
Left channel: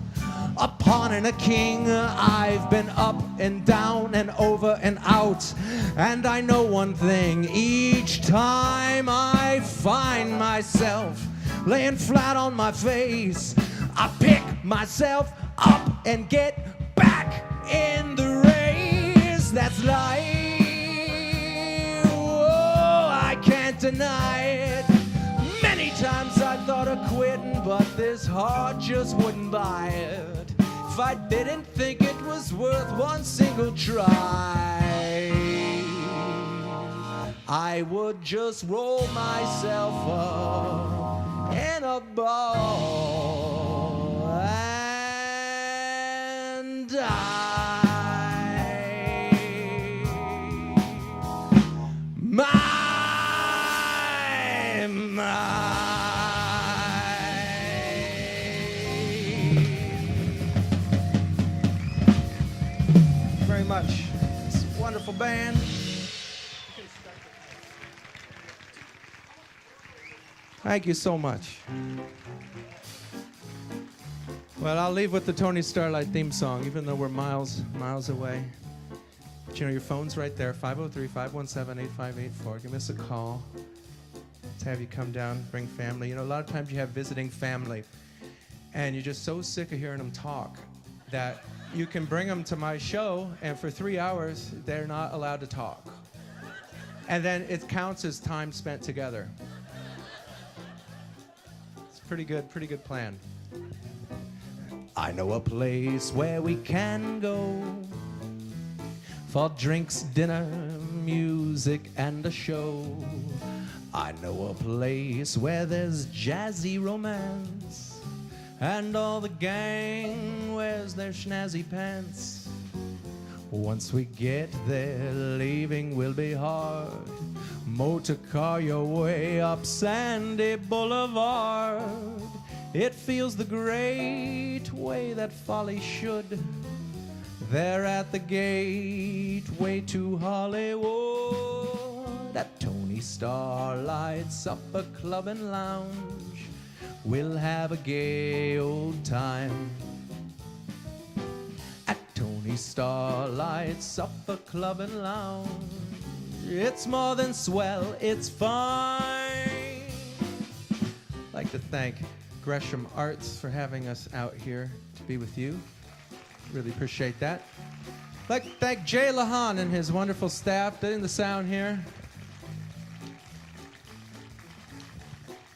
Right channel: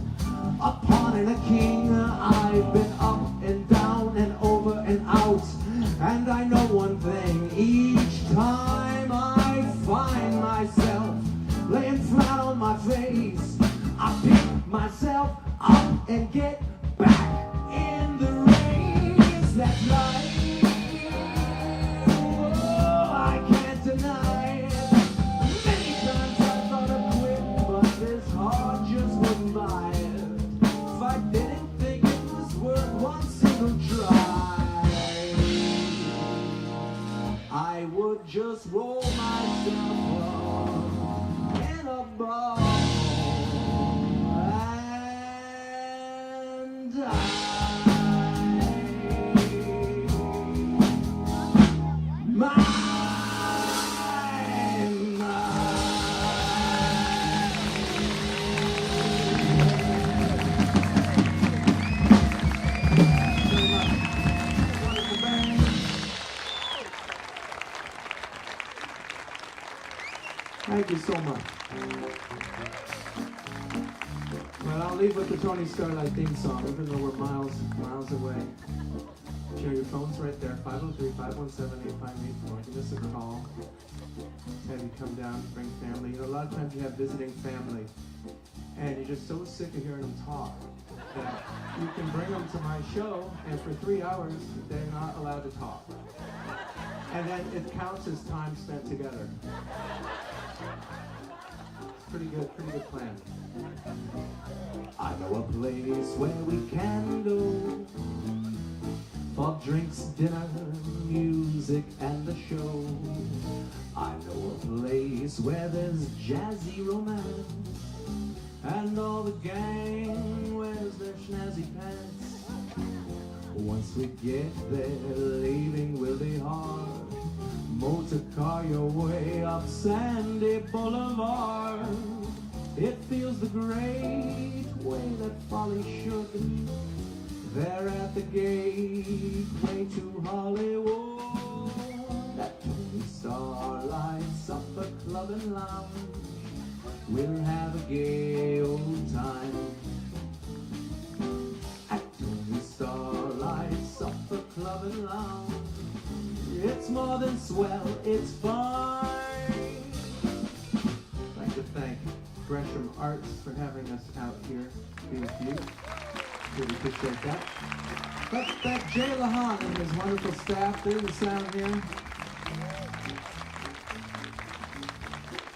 a pawn and a king. I've been up and down and over and out, and I know one thing: each time I find myself laying flat on my face, I pick myself up and get back in the race. That's life. Oh, I can't deny it. Many times I thought of quitting, but this heart just wouldn't buy it. If I didn't think it was worth one single try, I would just roll myself up in a ball and die. Very much. It's a wonderful band. Thank you so much. Well, I'll leave with the Tony Starlight theme song, even though we're miles away. But you know, your phone's right there, 503-517-8584. Give us a call. Let's have you come down, bring family. You know, a lot of times you have visiting family, and you're just so sick of hearing them talk that you can bring them to my show, and for 3 hours, they're not allowed to talk. And then it counts as time spent together. Pretty good plan. I know a place where we can go for drinks, dinner, music, and a show. I know a place where there's jazzy romance, and all the gang wears their snazzy pants. Once we get there, leaving will be hard. Motor car your way up Sandy Boulevard. It feels the great way that folly should. There at the gateway to Hollywood, at Tony Starlight Supper Club and Lounge, we'll have a gay old time. At Tony Starlight Supper Club and Lounge, it's more than swell, it's fine. I'd like to thank Gresham Arts for having us out here to be with you. Really appreciate that. I'd like to thank Jay Lahan and his wonderful staff. They're in the sound here.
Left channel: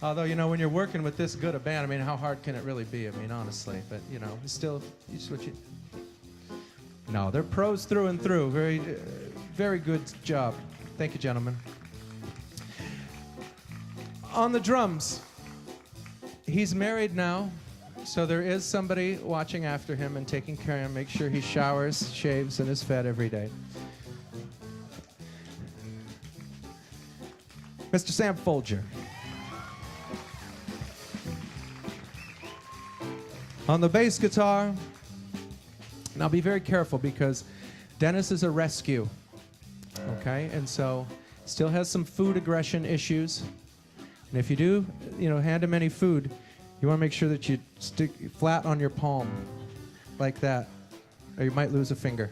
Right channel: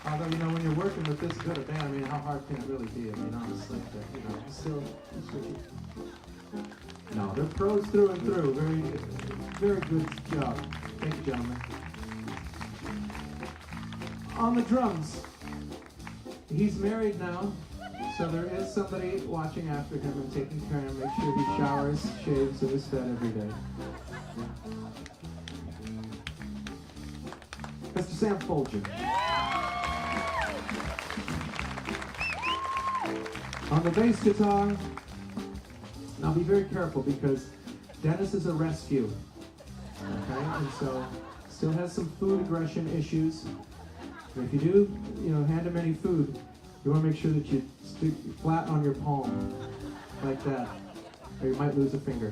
Although, you know, when you're working with this good a band, I mean, how hard can it really be? I mean, honestly, but, you know, still, just what you... No, they're pros through and through. Very, very good job. Thank you, gentlemen. On the drums, he's married now, so there is somebody watching after him and taking care of him, make sure he showers, shaves, and is fed every day. Mr. Sam Folger. On the bass guitar, now be very careful because Dennis is a rescue, okay? And so still has some food aggression issues. And if you do, you know, hand him any food, you want to make sure that you stick flat on your palm, like that, or you might lose a finger.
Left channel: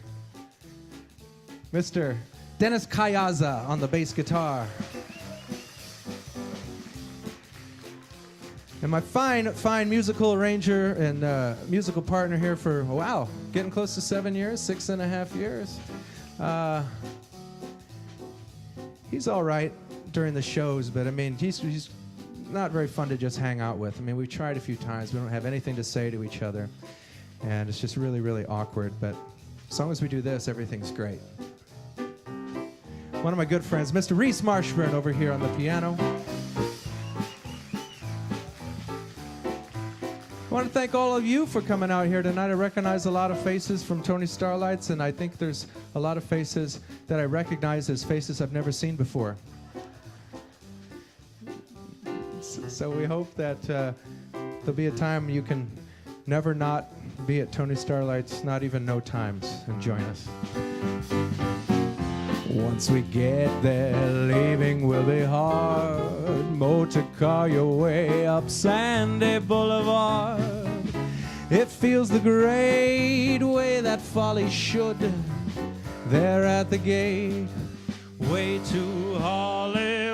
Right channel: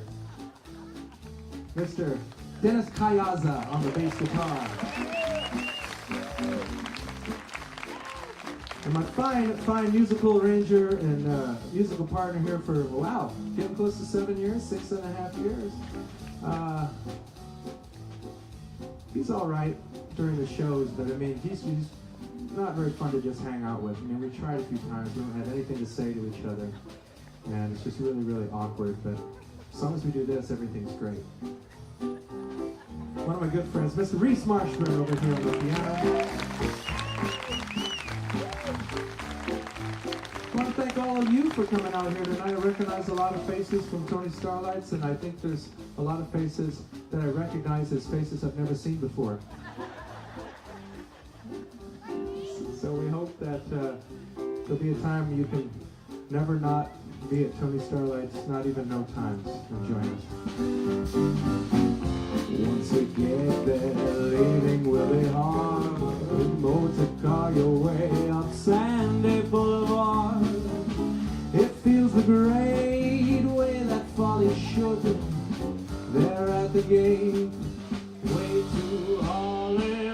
Mr. Dennis Kayaza on the bass guitar. And my fine musical arranger and musical partner here for, wow, getting close to 7 years, 6.5 years. He's all right during the shows, but I mean, he's not very fun to just hang out with. I mean, we tried a few times. We don't have anything to say to each other, and it's just really, really awkward. But as long as we do this, everything's great. One of my good friends, Mr. Reese Marshburn, over here on the piano. I want to thank all of you for coming out here tonight. I recognize a lot of faces from Tony Starlights, and I think there's a lot of faces that I recognize as faces I've never seen before. So we hope that there'll be a time you can never not be at Tony Starlight's, not even no times, and join us. Once we get there, leaving will be hard. Motor car your way up Sandy Boulevard. It feels the great way that folly should. There at the gate, way to Hollywood.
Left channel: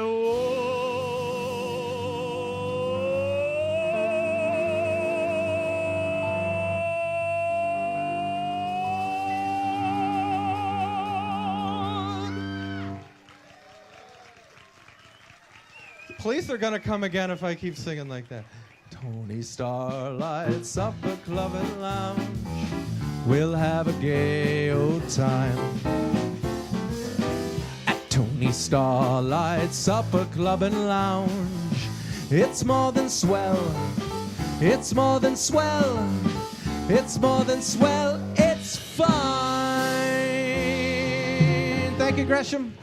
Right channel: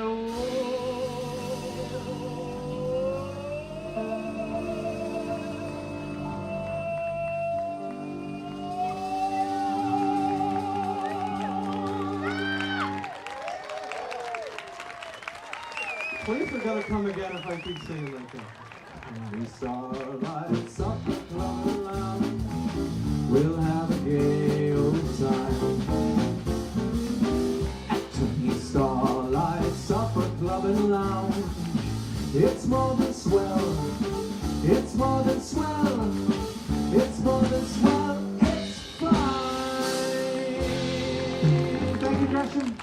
Police are gonna come again if I keep singing like that. Tony Starlight Supper Club and Lounge, we'll have a gay old time. At Tony Starlight Supper Club and Lounge, it's more than swell, it's more than swell, it's more than swell, it's fine. Thank you, Gresham.